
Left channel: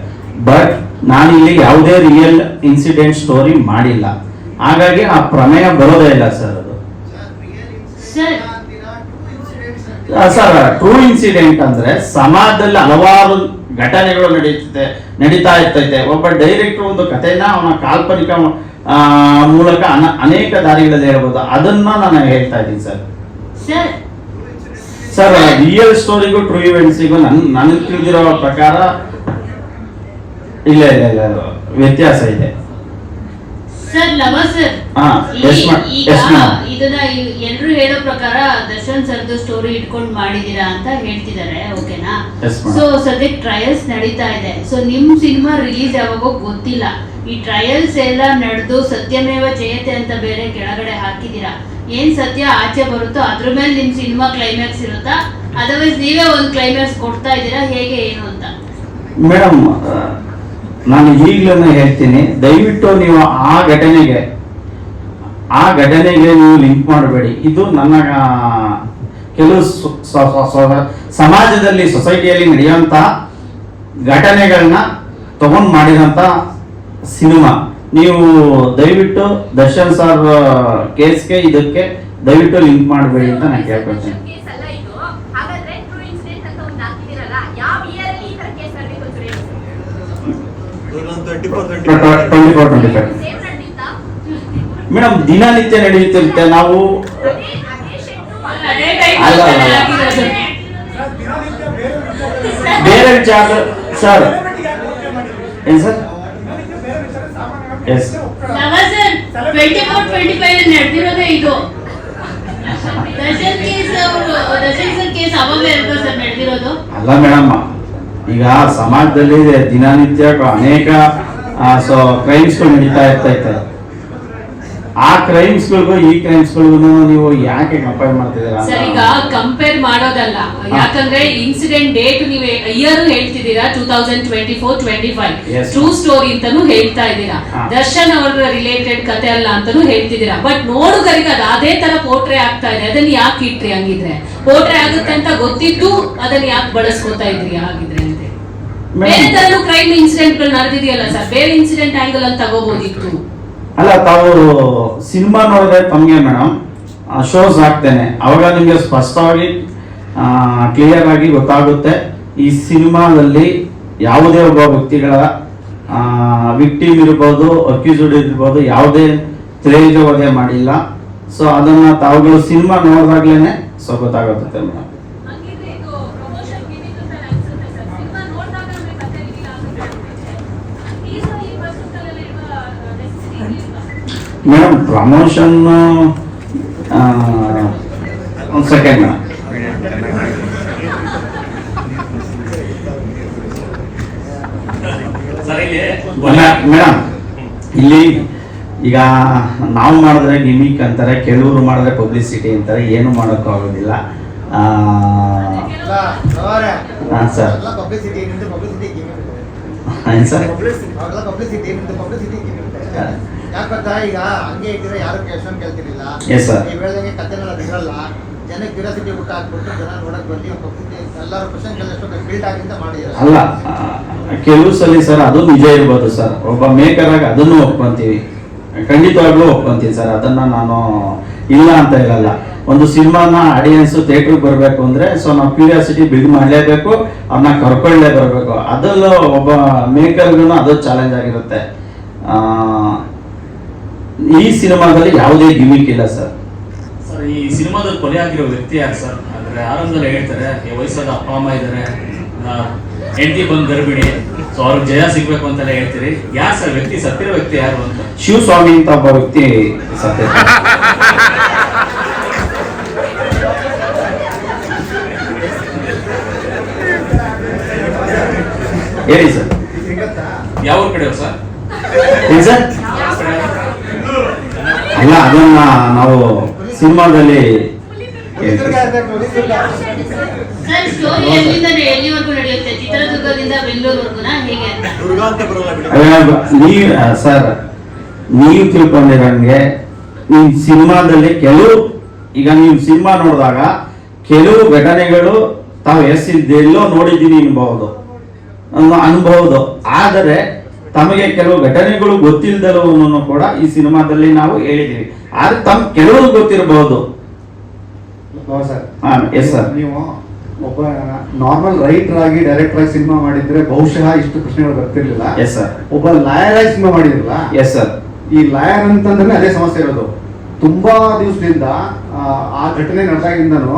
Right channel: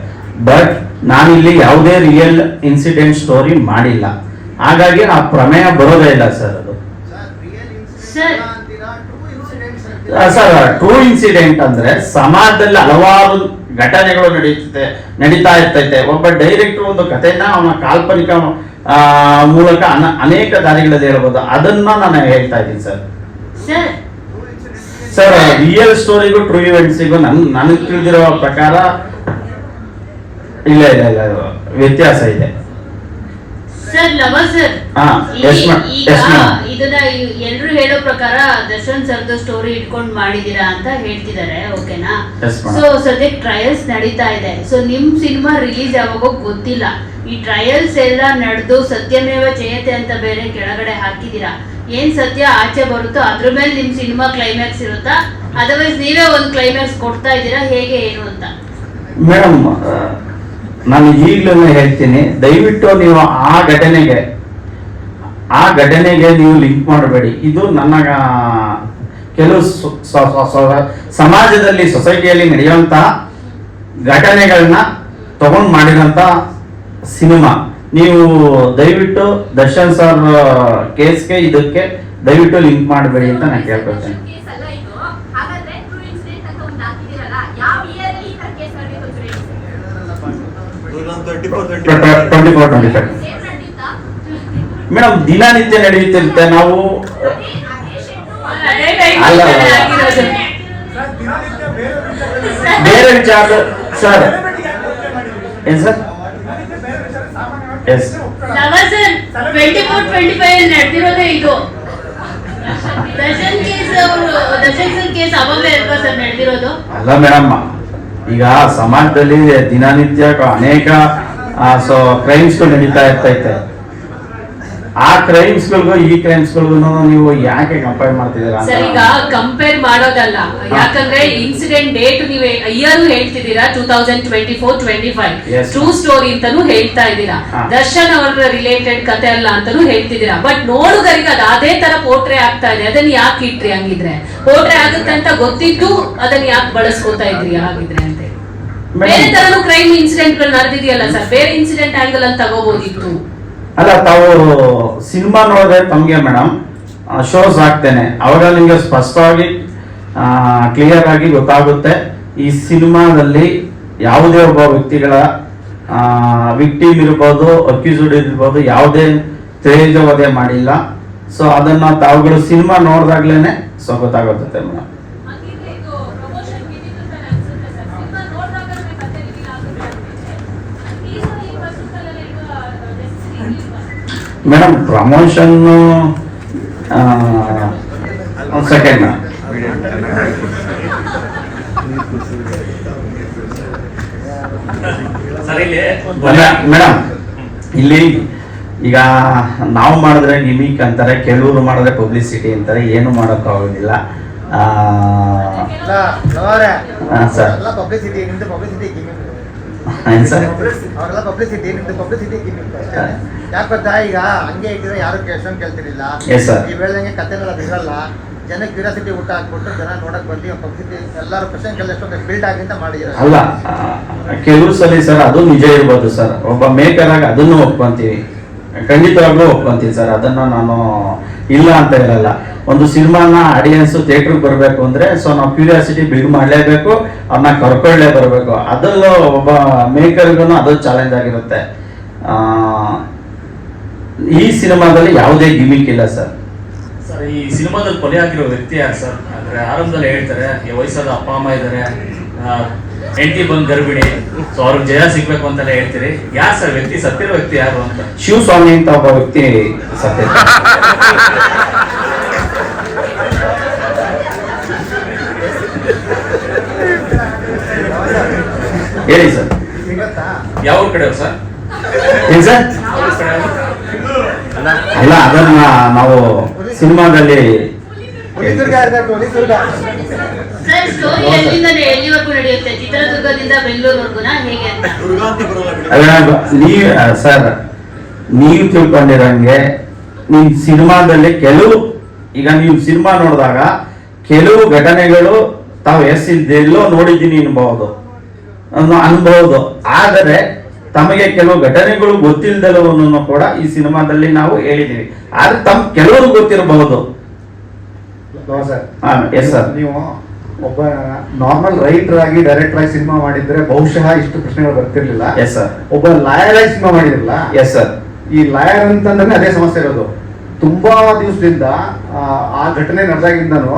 ಬಟ್ ನಾನಿಲ್ಲಿ ಯಾವುದೇ ರಿಯಲ್ ಇನ್ಸಿಡೆಂಟ್ ಸ್ಟೋರಿ ಮಾಡಿಲ್ಲ, ಹಾಗಾಗಿ ಆ ಪ್ರಮೇಯ ಬರೋದೇ ಇಲ್ಲ ಸರ್. ಅದು ಸರ್ ಟ್ರೂ ಇನ್ಸಿಡೆಂಟ್ ಅಂದ್ರೆ ಸಮಾಜದಲ್ಲಿ ಹಲವಾರು ಘಟನೆಗಳು ನಡೀತಾ ಇರ್ತೈತೆ. ಒಬ್ಬ ಡೈರೆಕ್ಟರ್ ಒಂದು ಕಥೆನ ಅವನ ಕಾಲ್ಪನಿಕ ಮೂಲಕ ಅನೇಕ ದಾರಿಗಳಲ್ಲಿ ಹೇಳ್ಬೋದು. ಅದನ್ನ ನಾನು ಹೇಳ್ತಾ ಇದ್ದೀನಿ ಸರ್. ಸರ್ ರಿಯಲ್ ಸ್ಟೋರಿಗೂ ಟ್ರೂ ಇವೆಂಟ್ಸಿಗೂ ನನಗೆ ತಿಳಿದಿರೋ ಪ್ರಕಾರ ಇಲ್ಲ ವ್ಯತ್ಯಾಸ ಇದೆ. ಸರ್ ಸರ್ ಈಗ ಇದನ್ನ ಎಲ್ರು ಹೇಳೋ ಪ್ರಕಾರ ದರ್ಶನ್ ಸರ್ದು ಸ್ಟೋರಿ ಇಟ್ಕೊಂಡು ಮಾಡಿದೀರಾ ಅಂತ ಹೇಳ್ತಿದ್ದಾರೆ, ಓಕೆನಾ? ಸೊ ಸದ್ಯಕ್ಕೆ ಟ್ರಯಲ್ಸ್ ನಡೀತಾ ಇದೆ. ಸೊ ನಿಮ್ ಸಿನಿಮಾ ರಿಲೀಸ್ ಯಾವಾಗೋ ಗೊತ್ತಿಲ್ಲ. ಈ ಟ್ರಯಲ್ಸ್ ಎಲ್ಲ ನಡೆದು ಸತ್ಯಮೇವ ಜಯತೆ ಅಂತ ಬೇರೆ ಕೆಳಗಡೆ ಹಾಕಿದೀರಾ. ಏನ್ ಸತ್ಯ ಆಚೆ ಬರುತ್ತೋ ಅದ್ರ ಮೇಲೆ ನಿಮ್ ಸಿನಿಮಾ ಕ್ಲೈಮ್ಯಾಕ್ಸ್ ಇರುತ್ತಾ, ಅದರ್ವೈಸ್ ನೀವೇ ಒಂದು ಕ್ಲೈಮ್ಯಾಕ್ಸ್ ಕೊಡ್ತಾ ಇದ್ದೀರಾ, ಹೇಗೆ ಏನು ಅಂತ? ಮೇಡಮ್, ನಾನು ಈಗಲೂ ಹೇಳ್ತೀನಿ, ದಯವಿಟ್ಟು ನೀವು ಆ ಘಟನೆಗೆ ನೀವು ಲಿಂಕ್ ಮಾಡಬೇಡಿ. ಇದು ನನ್ನ ಕೆಲವು ಸಮಾಜದಲ್ಲಿ ಸೊಸೈಟಿಯಲ್ಲಿ ನಡೆಯುವಂತಹ ಘಟನೆಗಳನ್ನ ತಗೊಂಡು ಮಾಡಿರೋಂಥ ಸಿನಿಮಾ. ನೀವು ದಯವಿಟ್ಟು ದರ್ಶನ್ ಸರ್ ಕೇಸ್ಗೆ ಇದಕ್ಕೆ ದಯವಿಟ್ಟು ಲಿಂಕ್ ಮಾಡಬೇಡಿ ಅಂತ ನಾನು ಕೇಳ್ಕೊಳ್ತೇನೆ. ಮೇಡಮ್, ದಿನನಿತ್ಯ ನಡೆಯುತ್ತಿರುತ್ತೆ. ನಾವು ಬೇರೆ ವಿಚಾರ ಸರ್. ಏನ್ ಸರ್? ಎಸ್ 24-25 ನಡೆದಿರೋದೇ ಇದು. ದರ್ಶನ್ ಕೇಸ್ ಅವಾಗಲೇ ಅಲ್ವಾ ಸರ್ ನಡೆದಿರೋದು? ಅಲ್ಲ ಮೇಡಮ್, ಈಗ ಸಮಾಜದಲ್ಲಿ ದಿನನಿತ್ಯ ಅನೇಕ ಕ್ರೈಮ್ಸ್ಗಳು ನಡೀತಾ ಇರ್ತೈತೆ. ಆ ಕ್ರೈಮ್ಸ್ಗಳಿಗೂ ಈ ಕ್ರೈಮ್ಸ್ಗಳಿಗೂ ನೀವು ಯಾಕೆ ಕಂಪೇರ್ ಮಾಡ್ತಿದ್ದೀರಾ? ಸರ್, ಈಗ ಕಂಪೇರ್ ಮಾಡೋದಲ್ಲ, ಯಾಕಂದ್ರೆ ಇನ್ಸಿಡೆಂಟ್ ಡೇಟ್ ನೀವು ಇಯರ್ ಹೇಳ್ತಿದ್ದೀರಾ 2024-25 ಟ್ರೂ ಸ್ಟೋರಿ ಅಂತಾನು ಹೇಳ್ತಾ ಇದ್ದೀರಾ. ದರ್ಶನ್ ಅವರ ರಿಲೇಟೆಡ್ ಕತೆ ಅಲ್ಲ ಅಂತಾನು ಹೇಳ್ತಿದ್ದೀರಾ. ಬಟ್ ನೋಡುಗರಿಗೆ ಅದು ಅದೇ ತರ ಪೋರ್ಟ್ರೇ ಆಗ್ತಾ ಇದೆ. ಅದನ್ನ ಯಾಕೆ ಇಟ್ರಿ? ಹಂಗಿದ್ರೆ ಪೋರ್ಟ್ರೇ ಆಗುತ್ತೆ ಅಂತ ಗೊತ್ತಿದ್ದು ಅದನ್ನ ಯಾಕೆ ಬಳಸ್ಕೋತಾ ಇದ್ರಿ ಹಾಗಿದ್ರೆ ಅಂತ? ಬೇರೆ ತರನು ಕ್ರೈಮ್ ಇನ್ಸಿಡೆಂಟ್ ಗಳು ನಡೆದಿದೆಯಲ್ಲ ಸರ್, ಬೇರೆ ಇನ್ಸಿಡೆಂಟ್ ಆಂಗಲ್ ಅಂತ ತಗೋಬಹುದಿತ್ತು. ಅಲ್ಲ, ತಾವು ಸಿನಿಮಾ ನೋಡಿದ್ರೆ ತಮಗೆ ಮೇಡಮ್ ಶೋಸ್ ಹಾಕ್ತೇನೆ, ಅವಾಗ ನಿಮಗೆ ಸ್ಪಷ್ಟವಾಗಿ ಕ್ಲಿಯರ್ ಆಗಿ ಗೊತ್ತಾಗುತ್ತೆ ಈ ಸಿನಿಮಾದಲ್ಲಿ ಯಾವುದೇ ಒಬ್ಬ ವ್ಯಕ್ತಿಗಳ ವಿಕ್ಟಿಮ್ ಇರ್ಬೋದು, ಅಕ್ಯೂಸ್ಡ್ ಇರ್ಬೋದು, ಯಾವುದೇ ತೇಜವಧೆ ಮಾಡಿಲ್ಲ. ಸೊ ಅದನ್ನ ತಾವುಗಳು ಸಿನಿಮಾ ನೋಡಿದಾಗ್ಲೇನೆ ಸೊ ಗೊತ್ತಾಗುತ್ತೆ ಮೇಡಮ್. ಮೇಡಮ್, ಪ್ರಮೋಷನ್ ಒಂದು ಸೆಕೆಂಡ್ ಮೇಡಮ್. ಇಲ್ಲಿ ಈಗ ನಾವು ಮಾಡಿದ್ರೆ ಗಿಮಿಕ್ ಅಂತಾರೆ, ಕೆಲವರು ಮಾಡಿದ್ರೆ ಪಬ್ಲಿಸಿಟಿ ಅಂತಾರೆ, ಏನು ಮಾಡೋಕ್ಕಾಗೋದಿಲ್ಲ. ಸರ್ ಏನು ಸರ್? ಈಗ ಹಂಗೆ ಇಟ್ಟಿದ್ರೆ ಯಾರು ಕ್ವೆಶ್ಚನ್ ಕೇಳ್ತಿರಲಿಲ್ಲ. ನೀವು ಹೇಳ್ದಂಗೆ ಕಥೆಗಳ ಬಿಡಲ್ಲ, ಜನಕ್ಕೆ ಕ್ಯೂರಿಯಾಸಿಟಿ ಊಟ ಹಾಕ್ಬಿಟ್ಟು ಜನ ನೋಡಕ್ ಬರ್ಲಿ, ಎಲ್ಲರೂ ಕ್ವೆಶ್ಚನ್ ಕೇಳಿಷ್ಟು ಬಿಲ್ಡ್ ಆಗಿಂತ ಮಾಡಿದ್ದಾರೆ. ಅಲ್ಲ, ಕೆಲವು ಸಲ ಸರ್ ಅದು ನಿಜ ಇರ್ಬೋದು ಸರ್. ಒಬ್ಬ ಮೇಕರ್ ಆಗಿ ಅದನ್ನು ಒಪ್ಕೊಂತೀವಿ, ಖಂಡಿತವಾಗ್ಲೂ ಒಪ್ಕೊಂತೀವಿ ಸರ್. ಅದನ್ನ ನಾನು ಇಲ್ಲ ಅಂತ ಹೇಳಲ್ಲ. ಒಂದು ಸಿನಿಮಾನ ಆಡಿಯನ್ಸ್ ಥಿಯೇಟರ್ಗೆ ಬರಬೇಕು ಅಂದ್ರೆ ಸೊ ನಾವು ಕ್ಯೂರಿಯಾಸಿಟಿ ಬಿಲ್ಡ್ ಮಾಡಲೇಬೇಕು, ಅವ್ರನ್ನ ಕರ್ಕೊಳ್ಳೇ ಬರಬೇಕು. ಅದರಲ್ಲೂ ಒಬ್ಬ ಮೇಕರ್ಗೂ ಅದು ಚಾಲೆಂಜ್ ಆಗಿರುತ್ತೆ. ಈ ಸಿನಿಮಾದಲ್ಲಿ ಯಾವುದೇ ಗಿಮಿಕ್ ಇಲ್ಲ ಸರ್. ಸರ್, ಈ ಸಿನಿಮಾದಲ್ಲಿ ಕೊಲೆ ಆಗಿರೋ ವ್ಯಕ್ತಿ ಯಾರು ಸರ್? ಅಂದ್ರೆ ಆರಂಭದಲ್ಲಿ ಹೇಳ್ತಾರೆ ಈ ವಯಸ್ಸಾದ ಅಪ್ಪ ಅಮ್ಮ ಇದ್ದಾರೆ, ಹೆಂಡತಿ ಬಂದು ಗರ್ಭಿಣಿ, ಸೊ ಅವ್ರಿಗೆ ಜಯ ಸಿಗ್ಬೇಕು ಅಂತಾನೆ ಹೇಳ್ತೀರಿ. ಯಾರು ಸರ್ ವ್ಯಕ್ತಿ, ಸತ್ತಿರೋ ವ್ಯಕ್ತಿ ಯಾರು ಅಂತ? ಶಿವಸ್ವಾಮಿ ಅಂತ ಒಬ್ಬ ವ್ಯಕ್ತಿ ಸತ್ಯ. ಹೇಳಿ ಸರ್. ಯಾವ ಕಡೆ ಸರ್? ಏನ್ ಸರ್? ಅಲ್ಲ, ಅದನ್ನ ನಾವು ಸಿನಿಮಾದಲ್ಲಿ ಸ್ಟೋರಿ ಎಲ್ಲಿವರೆಗೂ ನಡೆಯುತ್ತೆ? ಚಿತ್ರದುರ್ಗದಿಂದ ಬೆಂಗಳೂರುವರೆಗುನಾ ಹೇಗೆ ಅಂತ? ಸರ್, ನೀವು ತಿಳ್ಕೊಂಡಿರಂಗೆ ನೀವು ಸಿನಿಮಾದಲ್ಲಿ ಈಗ ನೀವು ಸಿನಿಮಾ ನೋಡಿದಾಗ ಕೆಲವು ಘಟನೆಗಳು ತಾವು ಎಲ್ಲೋ ನೋಡಿದ್ದೀನಿ ಅನ್ಬಹುದು. ಆದರೆ ತಮಗೆ ಕೆಲವು ಘಟನೆಗಳು ಗೊತ್ತಿಲ್ಲದೆಲ್ಲವನ್ನು ಕೂಡ ಈ ಸಿನಿಮಾದಲ್ಲಿ ನಾವು ಹೇಳಿದೀವಿ. ಆದ್ರೆ ಕೆಲವರು ಗೊತ್ತಿರಬಹುದು. ನೀವು ಒಬ್ಬ ನಾರ್ಮಲ್ ರೈಟರ್ ಆಗಿ ಡೈರೆಕ್ಟರ್ ಆಗಿ ಸಿನಿಮಾ ಮಾಡಿದ್ರೆ ಬಹುಶಃ ಇಷ್ಟು ಪ್ರಶ್ನೆಗಳು ಬರ್ತಿರ್ಲಿಲ್ಲ. Yes sir. ಒಬ್ಬ ಲಾಯರ್ ಆಗಿ ಸಿನಿಮಾ ಮಾಡಿದ್ರಲ್ಲ. Yes sir. ಈ ಲಾಯರ್ ಅಂತಂದ್ರೆ ಅದೇ ಸಮಸ್ಯೆ ಇರೋದು. ತುಂಬಾ ದಿವಸದಿಂದ ಆ ಘಟನೆ ನಡೆದಾಗಿಂದನು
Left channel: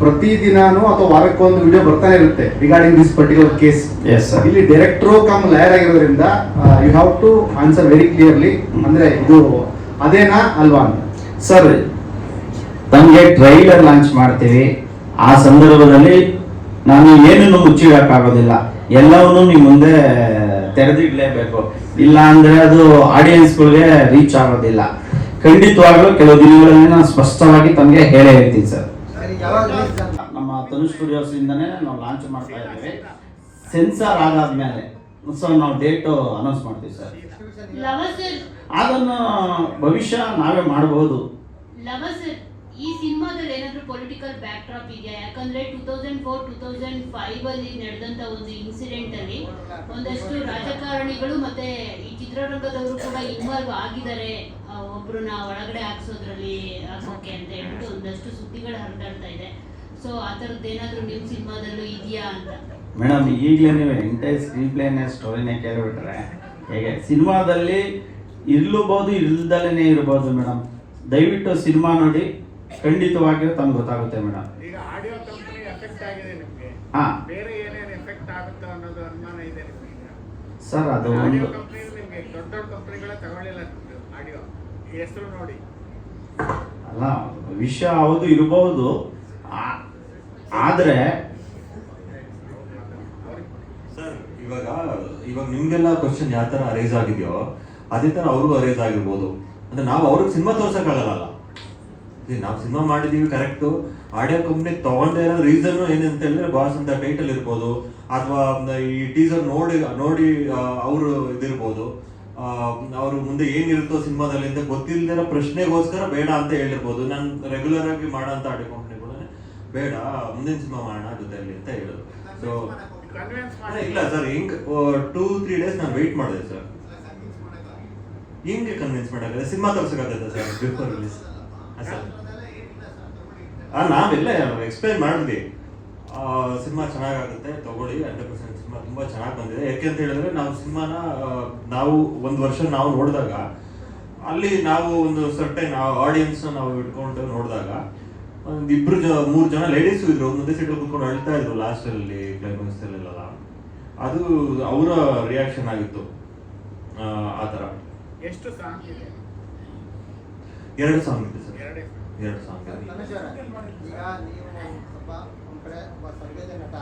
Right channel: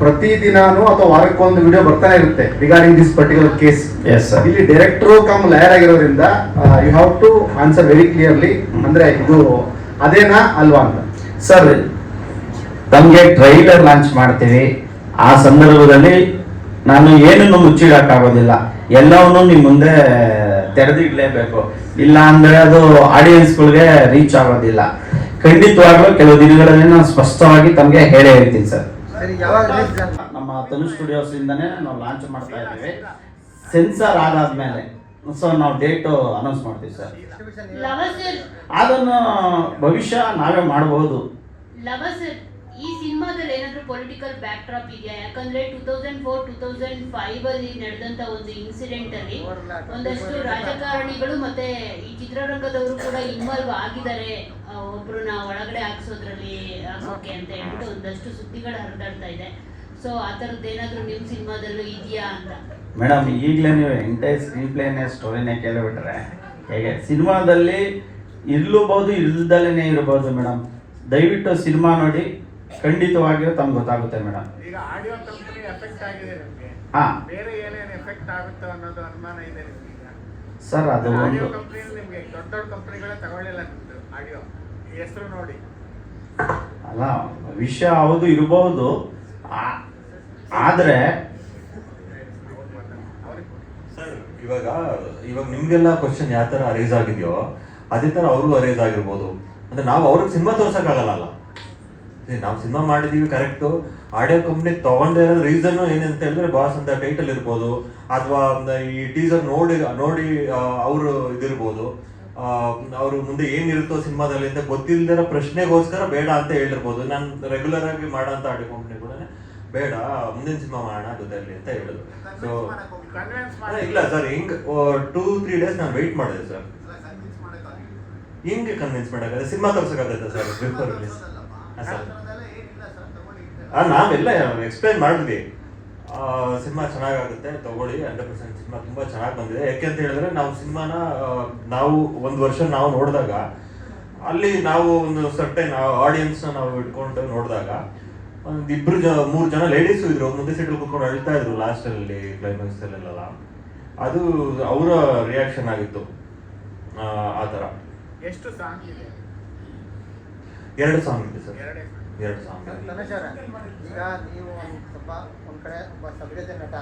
ಪ್ರತಿದಿನಾನು ಅಥವಾ ವಾರಕ್ಕೊಂದು ವಿಡಿಯೋ ಬರ್ತಾನೆ ಇರುತ್ತೆ regarding this particular case. Yes sir. ಇಲ್ಲಿ ಡೈರೆಕ್ಟರ್ ಕಮ್ ಲಾಯರ್ ಆಗಿರೋದ್ರಿಂದ you have to answer very clearly. ಅಂದ್ರೆ ಇದು ಅದೇನಾ ಅಲ್ವಾ ಅಂತ. ಸರ್, ತಮಗೆ ಟ್ರೈಲರ್ ಲಾಂಚ್ ಮಾಡ್ತೀವಿ. ಆ ಸಂದರ್ಭದಲ್ಲಿ ನಾನು ಏನನ್ನು ಮುಚ್ಚಿಡಕ್ಕಾಗೋದಿಲ್ಲ, ಎಲ್ಲವನ್ನೂ ನಿಮ್ಮ ಮುಂದೆ ತೆರೆದಿಡ್ಲೇಬೇಕು. ಇಲ್ಲ ಅಂದ್ರೆ ಅದು ಆಡಿಯನ್ಸ್ಗಳಿಗೆ ರೀಚ್ ಆಗೋದಿಲ್ಲ. ಖಂಡಿತವಾಗ್ಲೂ ಕೆಲವು ದಿನಗಳಲ್ಲಿ ನಾನು ಸ್ಪಷ್ಟವಾಗಿ ತಮಗೆ ಹೇಳೇ ಹೇಳ್ತೀನಿ ಸರ್. ನಮ್ಮ ತನು ಸ್ಟುಡಿಯೋಸ್ ಇಂದಾನೆ ನಾವು ಲಾಂಚ್ ಮಾಡ್ತಾ ಇದ್ದೀವಿ. ಸೆನ್ಸಾರ್ ಆದಾದ್ಮೇಲೆ ಸೊ ನಾವು ಡೇಟ್ ಅನೌನ್ಸ್ ಮಾಡ್ತೀವಿ ಸರ್. ಅದನ್ನು ಭವಿಷ್ಯ ನಾವೇ ಮಾಡಬಹುದು. ಈ ಸಿನಿಮಾದಲ್ಲಿ ಏನಾದ್ರೂ ಪೊಲಿಟಿಕಲ್ ಬ್ಯಾಕ್ ಡ್ರಾಪ್ ಇದೆಯಾ? ಯಾಕಂದ್ರೆ 2004-2005 ಅಲ್ಲಿ ನಡೆದಂತ ಒಂದು ಇನ್ಸಿಡೆಂಟ್ ಅಲ್ಲಿ ಒಂದಷ್ಟು ರಾಜಕಾರಣಿಗಳು ಮತ್ತೆ ಈ ಚಿತ್ರರಂಗದವರು ಕೂಡ ಇನ್ವಾಲ್ವ್ ಆಗಿದ್ದಾರೆ, ಒಬ್ರನ್ನ ಒಳಗಡೆ ಹಾಕ್ಸೋದ್ರಲ್ಲಿ ಹಾಕೋಕೆ ಅಂತ ಹೇಳ್ಬಿಟ್ಟು ಒಂದಷ್ಟು ಸುದ್ದಿಗಳು ಹರಿದಾಡ್ತಾ ಇದೆ. ಸೊ ಆ ಥರದ್ದು ಏನಾದ್ರೂ ನಿಮ್ಮ ಸಿನಿಮಾದಲ್ಲೂ ಇದೆಯಾ ಅಂತ? ಮೇಡಮ್, ಈಗಲೇ ನೀವು ಎಂಟೈರ್ ಸ್ಕ್ರೀನ್ ಪ್ಲೇನೇ ಸ್ಟೋರಿನೇ ಕೇಳಿಬಿಟ್ರೆ ಹೇಗೆ? ಸಿನಿಮಾದಲ್ಲಿ ಇರ್ಲೂಬಹುದು, ಇಲ್ದಲೇ ಇರ್ಬೋದು ಮೇಡಮ್. ದಯವಿಟ್ಟು ಸಿನಿಮಾ ನೋಡಿ, ಖಂಡಿತವಾಗಿಯೂ ತಮ್ಗೆ ಗೊತ್ತಾಗುತ್ತೆ ಮೇಡಮ್. ಹಾಂ ಸರ್, ಅದು ಒಂದು ಅಲ್ಲ ವಿಷಯ ಹೌದು ಇರಬಹುದು. ಆದ್ರೆ ಸರ್, ಇವಾಗ ನಿಮ್ಗೆಲ್ಲ ಕ್ವಶನ್ ಯಾವ ತರ ಅರೇಸ್ ಆಗಿದೆಯೋ ಅದೇ ತರ ಅವ್ರಿಗೂ ಅರೇಸ್ ಆಗಿರ್ಬೋದು. ಅಂದ್ರೆ ನಾವು ಅವ್ರಿಗೆ ಸಿನಿಮಾ ತೋರ್ಸಕ್ಕಾಗಲ್ಲ. ನಾವು ಸಿನಿಮಾ ಮಾಡಿದೀವಿ ಕರೆಕ್ಟು. ಆಡಿಯೋ ಕಂಪ್ನಿ ತಗೊಂಡೇ ಇರೋ ರೀಸನ್ ಏನಂತ ಹೇಳಿದ್ರೆ ಬಾಸ್ ಅಂತ ಟೈಟಲ್ ಇರ್ಬೋದು, ಅಥವಾ ಈ ಟೀಸರ್ ನೋಡಿ ಅವರು ಇದಿರ್ಬೋದು, ಅವರು ಮುಂದೆ ಏನಿರುತ್ತೋ ಸಿನಿಮಾದಲ್ಲಿ ಅಂತ ಗೊತ್ತಿಲ್ಲದಿರೋ ಪ್ರಶ್ನೆಗೋಸ್ಕರ ಬೇಡ ಅಂತ ಹೇಳಿರ್ಬೋದು. ನಾನು ರೆಗ್ಯುಲರ್ ಆಗಿ ಮಾಡೋಂಥ ಆಡಿಯೋ ಕಂಪ್ನಿ ಕೂಡ ಬೇಡ, ಮುಂದಿನ ಸಿನಿಮಾ ಮಾಡೋಣ ಜೊತೆಯಲ್ಲಿ ಅಂತ ಹೇಳೋದು. ಸೊ ಇಲ್ಲ ಸರ್, ಹಿಂಗ್ 2-3 ಡೇಸ್ ನಾನು ವೆಯ್ಟ್ ಮಾಡಿದೆ ಸರ್. ಹಿಂಗೆ ಕನ್ವಿನ್ಸ್ ಮಾಡೋಕ್ಕಾಗತ್ತೆ? ಸಿನಿಮಾ ತೋರ್ಸಕ್ಕಾಗತ್ತೆ ಸರ್ ಬಿಫೋರ್ ರಿಲೀಸ್? ನಾವೆಲ್ಲ ಎಕ್ಸ್ಪ್ಲೈನ್ ಮಾಡಿದ್ವಿ, ಸಿನಿಮಾ ಚೆನ್ನಾಗಾಗುತ್ತೆ ತಗೊಳ್ಳಿ, 100% ಸಿನಿಮಾ ತುಂಬಾ ಚೆನ್ನಾಗಿ ಬಂದಿದೆ. ಯಾಕೆಂತ ಹೇಳಿದ್ರೆ ನಾವು ಸಿನಿಮಾನ ನಾವು 1 ವರ್ಷ ನಾವು ನೋಡಿದಾಗ ಅಲ್ಲಿ ನಾವು ಒಂದು ಸರ್ಟೈನ್ ಆಡಿಯನ್ಸ್ ನಾವು ಇಟ್ಕೊಂಡು ನೋಡಿದಾಗ ಒಂದು 2-3 ಜನ ಲೇಡೀಸ್ ಇದ್ರು, ಒಂದೊಂದೇ ಸೀಟಲ್ಲಿ ಕುತ್ಕೊಂಡು ಅಳ್ತಾ ಇದ್ರು ಲಾಸ್ಟ್ ಅಲ್ಲಿ ಕ್ಲೈಮ್ಯಾಕ್ಸ್ ಅಲ್ಲೆಲ್ಲ. ಅದು ಅವರ ರಿಯಾಕ್ಷನ್ ಆಗಿತ್ತು. ಆ ಥರ ಎಷ್ಟು ಸಾಂಗ್ ಇದೆ? 2 ಸಾಂಗ್ ಇದೆ ಸರ್. 2 ಸಾಂಗ್. ಈಗ ನೀವು ಸ್ವಲ್ಪ ಒಂದ್ ಕಡೆ ಒಬ್ಬ ಸಭ್ಯತೆ ನಟ,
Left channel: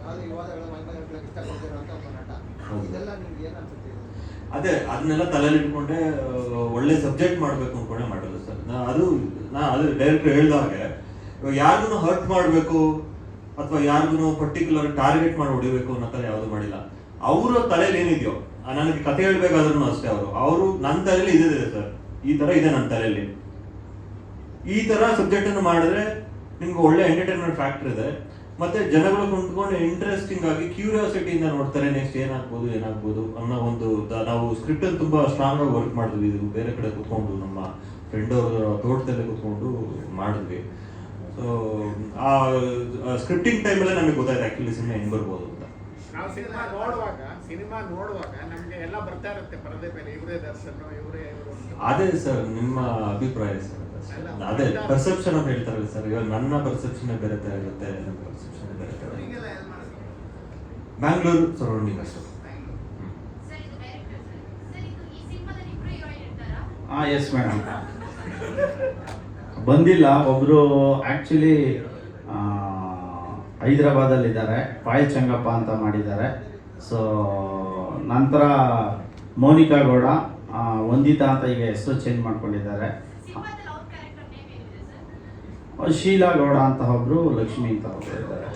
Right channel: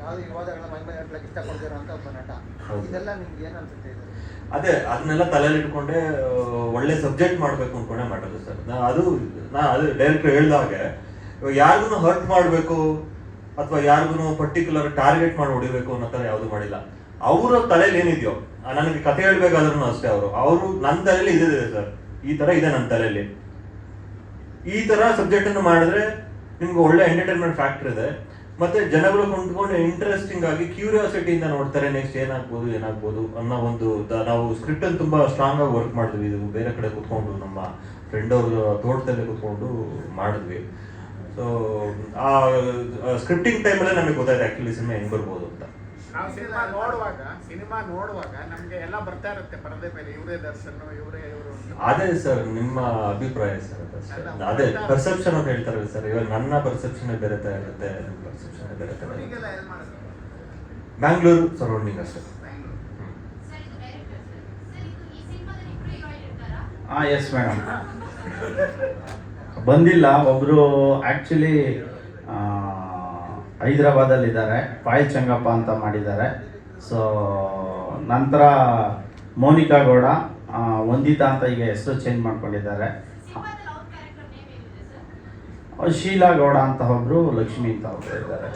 ಯಾವ್ದು ವಿವಾದಗಳ ಬಗ್ಗೆ ಇಷ್ಟಪಡ್ತಿರೋಂಥ ಒಬ್ಬ ನಟ, ಇದೆಲ್ಲ ನಿಮ್ಗೆ ಏನ್ ಅನ್ಸುತ್ತೆ? ಅದೇ ಅದನ್ನೆಲ್ಲ ತಲೆಯಲ್ಲಿ ಇಟ್ಕೊಂಡೆ ಒಳ್ಳೆ ಸಬ್ಜೆಕ್ಟ್ ಮಾಡ್ಬೇಕು ಅನ್ಕೊಂಡೆ ಮಾಡೋದು ಸರ್. ಅದು ಡೈರೆಕ್ಟರ್ ಹೇಳ್ದಾಗೆ ಯಾರಿಗೂ ಹರ್ಟ್ ಮಾಡಬೇಕು ಅಥವಾ ಯಾರಿಗೂ ಪರ್ಟಿಕ್ಯುಲರ್ ಟಾರ್ಗೆಟ್ ಮಾಡಿ ಹೊಡಿಬೇಕು ಅನ್ನೋ ಥರ ಯಾವುದು ಮಾಡಿಲ್ಲ. ಅವರ ತಲೆಯಲ್ಲಿ ಏನಿದೆಯೋ, ನನಗೆ ಕತೆ ಹೇಳ್ಬೇಕಾದ್ರೂ ಅಷ್ಟೇ, ಅವರು ನನ್ನ ತಲೆಯಲ್ಲಿ ಇದೆ ಸರ್, ಈ ತರ ಇದೆ ನನ್ನ ತಲೆಯಲ್ಲಿ. ಈ ತರ ಸಬ್ಜೆಕ್ಟ್ ಅನ್ನು ಮಾಡಿದ್ರೆ ನಿಮ್ಗೆ ಒಳ್ಳೆ ಎಂಟರ್ಟೈನ್ಮೆಂಟ್ ಫ್ಯಾಕ್ಟರ್ ಇದೆ, ಮತ್ತೆ ಜನಗಳು ಕೊಂಡ್ಕೊಂಡು ಇಂಟ್ರೆಸ್ಟಿಂಗ್ ಆಗಿ ಕ್ಯೂರಿಯಾಸಿಟಿಯಿಂದ ನೋಡ್ತಾರೆ ನೆಕ್ಸ್ಟ್ ಏನಾಗ್ಬೋದು ಅನ್ನೋ ಒಂದು. ನಾವು ಸ್ಕ್ರಿಪ್ಟ್ ಅಲ್ಲಿ ತುಂಬಾ ಸ್ಟ್ರಾಂಗ್ ಆಗಿ ವರ್ಕ್ ಮಾಡಿದ್ವಿ. ಇದು ಬೇರೆ ಕಡೆ ಕುತ್ಕೊಂಡು ನಮ್ಮ ಫ್ರೆಂಡ್ ಅವ್ರ ತೋಟದಲ್ಲಿ ಕುತ್ಕೊಂಡು ಮಾಡಿದ್ವಿ. ಸೊ ಆ ಸ್ಕ್ರಿಪ್ಟಿಂಗ್ ಟೈಮಲ್ಲೇ ನಮಗೆ ಗೊತ್ತಾಯ್ತು ಆಕ್ಚುಲಿ ಸಿನಿಮಾ ಹೆಂಗ್ ಬರ್ಬೋದು ಅಂತ. ನಾವು ಸಿನಿಮಾ ನೋಡುವಾಗ ನಮಗೆ ಎಲ್ಲ ಬರ್ತಾ ಇರುತ್ತೆ ಪರದೆ ಮೇಲೆ, ಇವರೇ ದರ್ಶನ್, ಇವರೇ. ಅದೇ ಸರ್ ನಿಮ್ಮ ಅಭಿಪ್ರಾಯ ಸರ್, ಅದೇ ಪರ್ಸೆಪ್ಷನ್ ಅಂತ ಹೇಳ್ತಾರಲ್ಲ ಸರ್. ಇವಾಗ ನನ್ನ ಪರ್ಸೆಪ್ಷನ್ ಬೇರೆ ತರ ಇರುತ್ತೆ, ನನ್ನ ಪರ್ಸೆಪ್ಷನ್ ಬೇರೆ ತರ ಇರುತ್ತೆ. Bangalore surrounding sir. Yes madam, ಬಂದಿಲ್ಲ. ಒಬ್ರು ಆಕ್ಚುಲಿ ಹೈದರಾಬಾದಲ್ಲಿದ್ದಾರೆ, ಪಾಯಲ್ ಚಂಗಪ್ಪ ಅಂತ ಮಾಡಿದ್ದಾರೆ. ಸೊ ನಂತರ ಮೋನಿಕಾ ಗೌಡ, ವಂದಿತಾ ಅಂತ ಈಗ ಹೆಸರು ಚೇಂಜ್ ಮಾಡ್ಕೊಂಡಿದ್ದಾರೆ. ಶೀಲಾ ಗೌಡ ಅಂತ ಒಬ್ರು, ಲಕ್ಷ್ಮಿ ಅಂತ ಒಬ್ರು ಇದ್ದಾರೆ.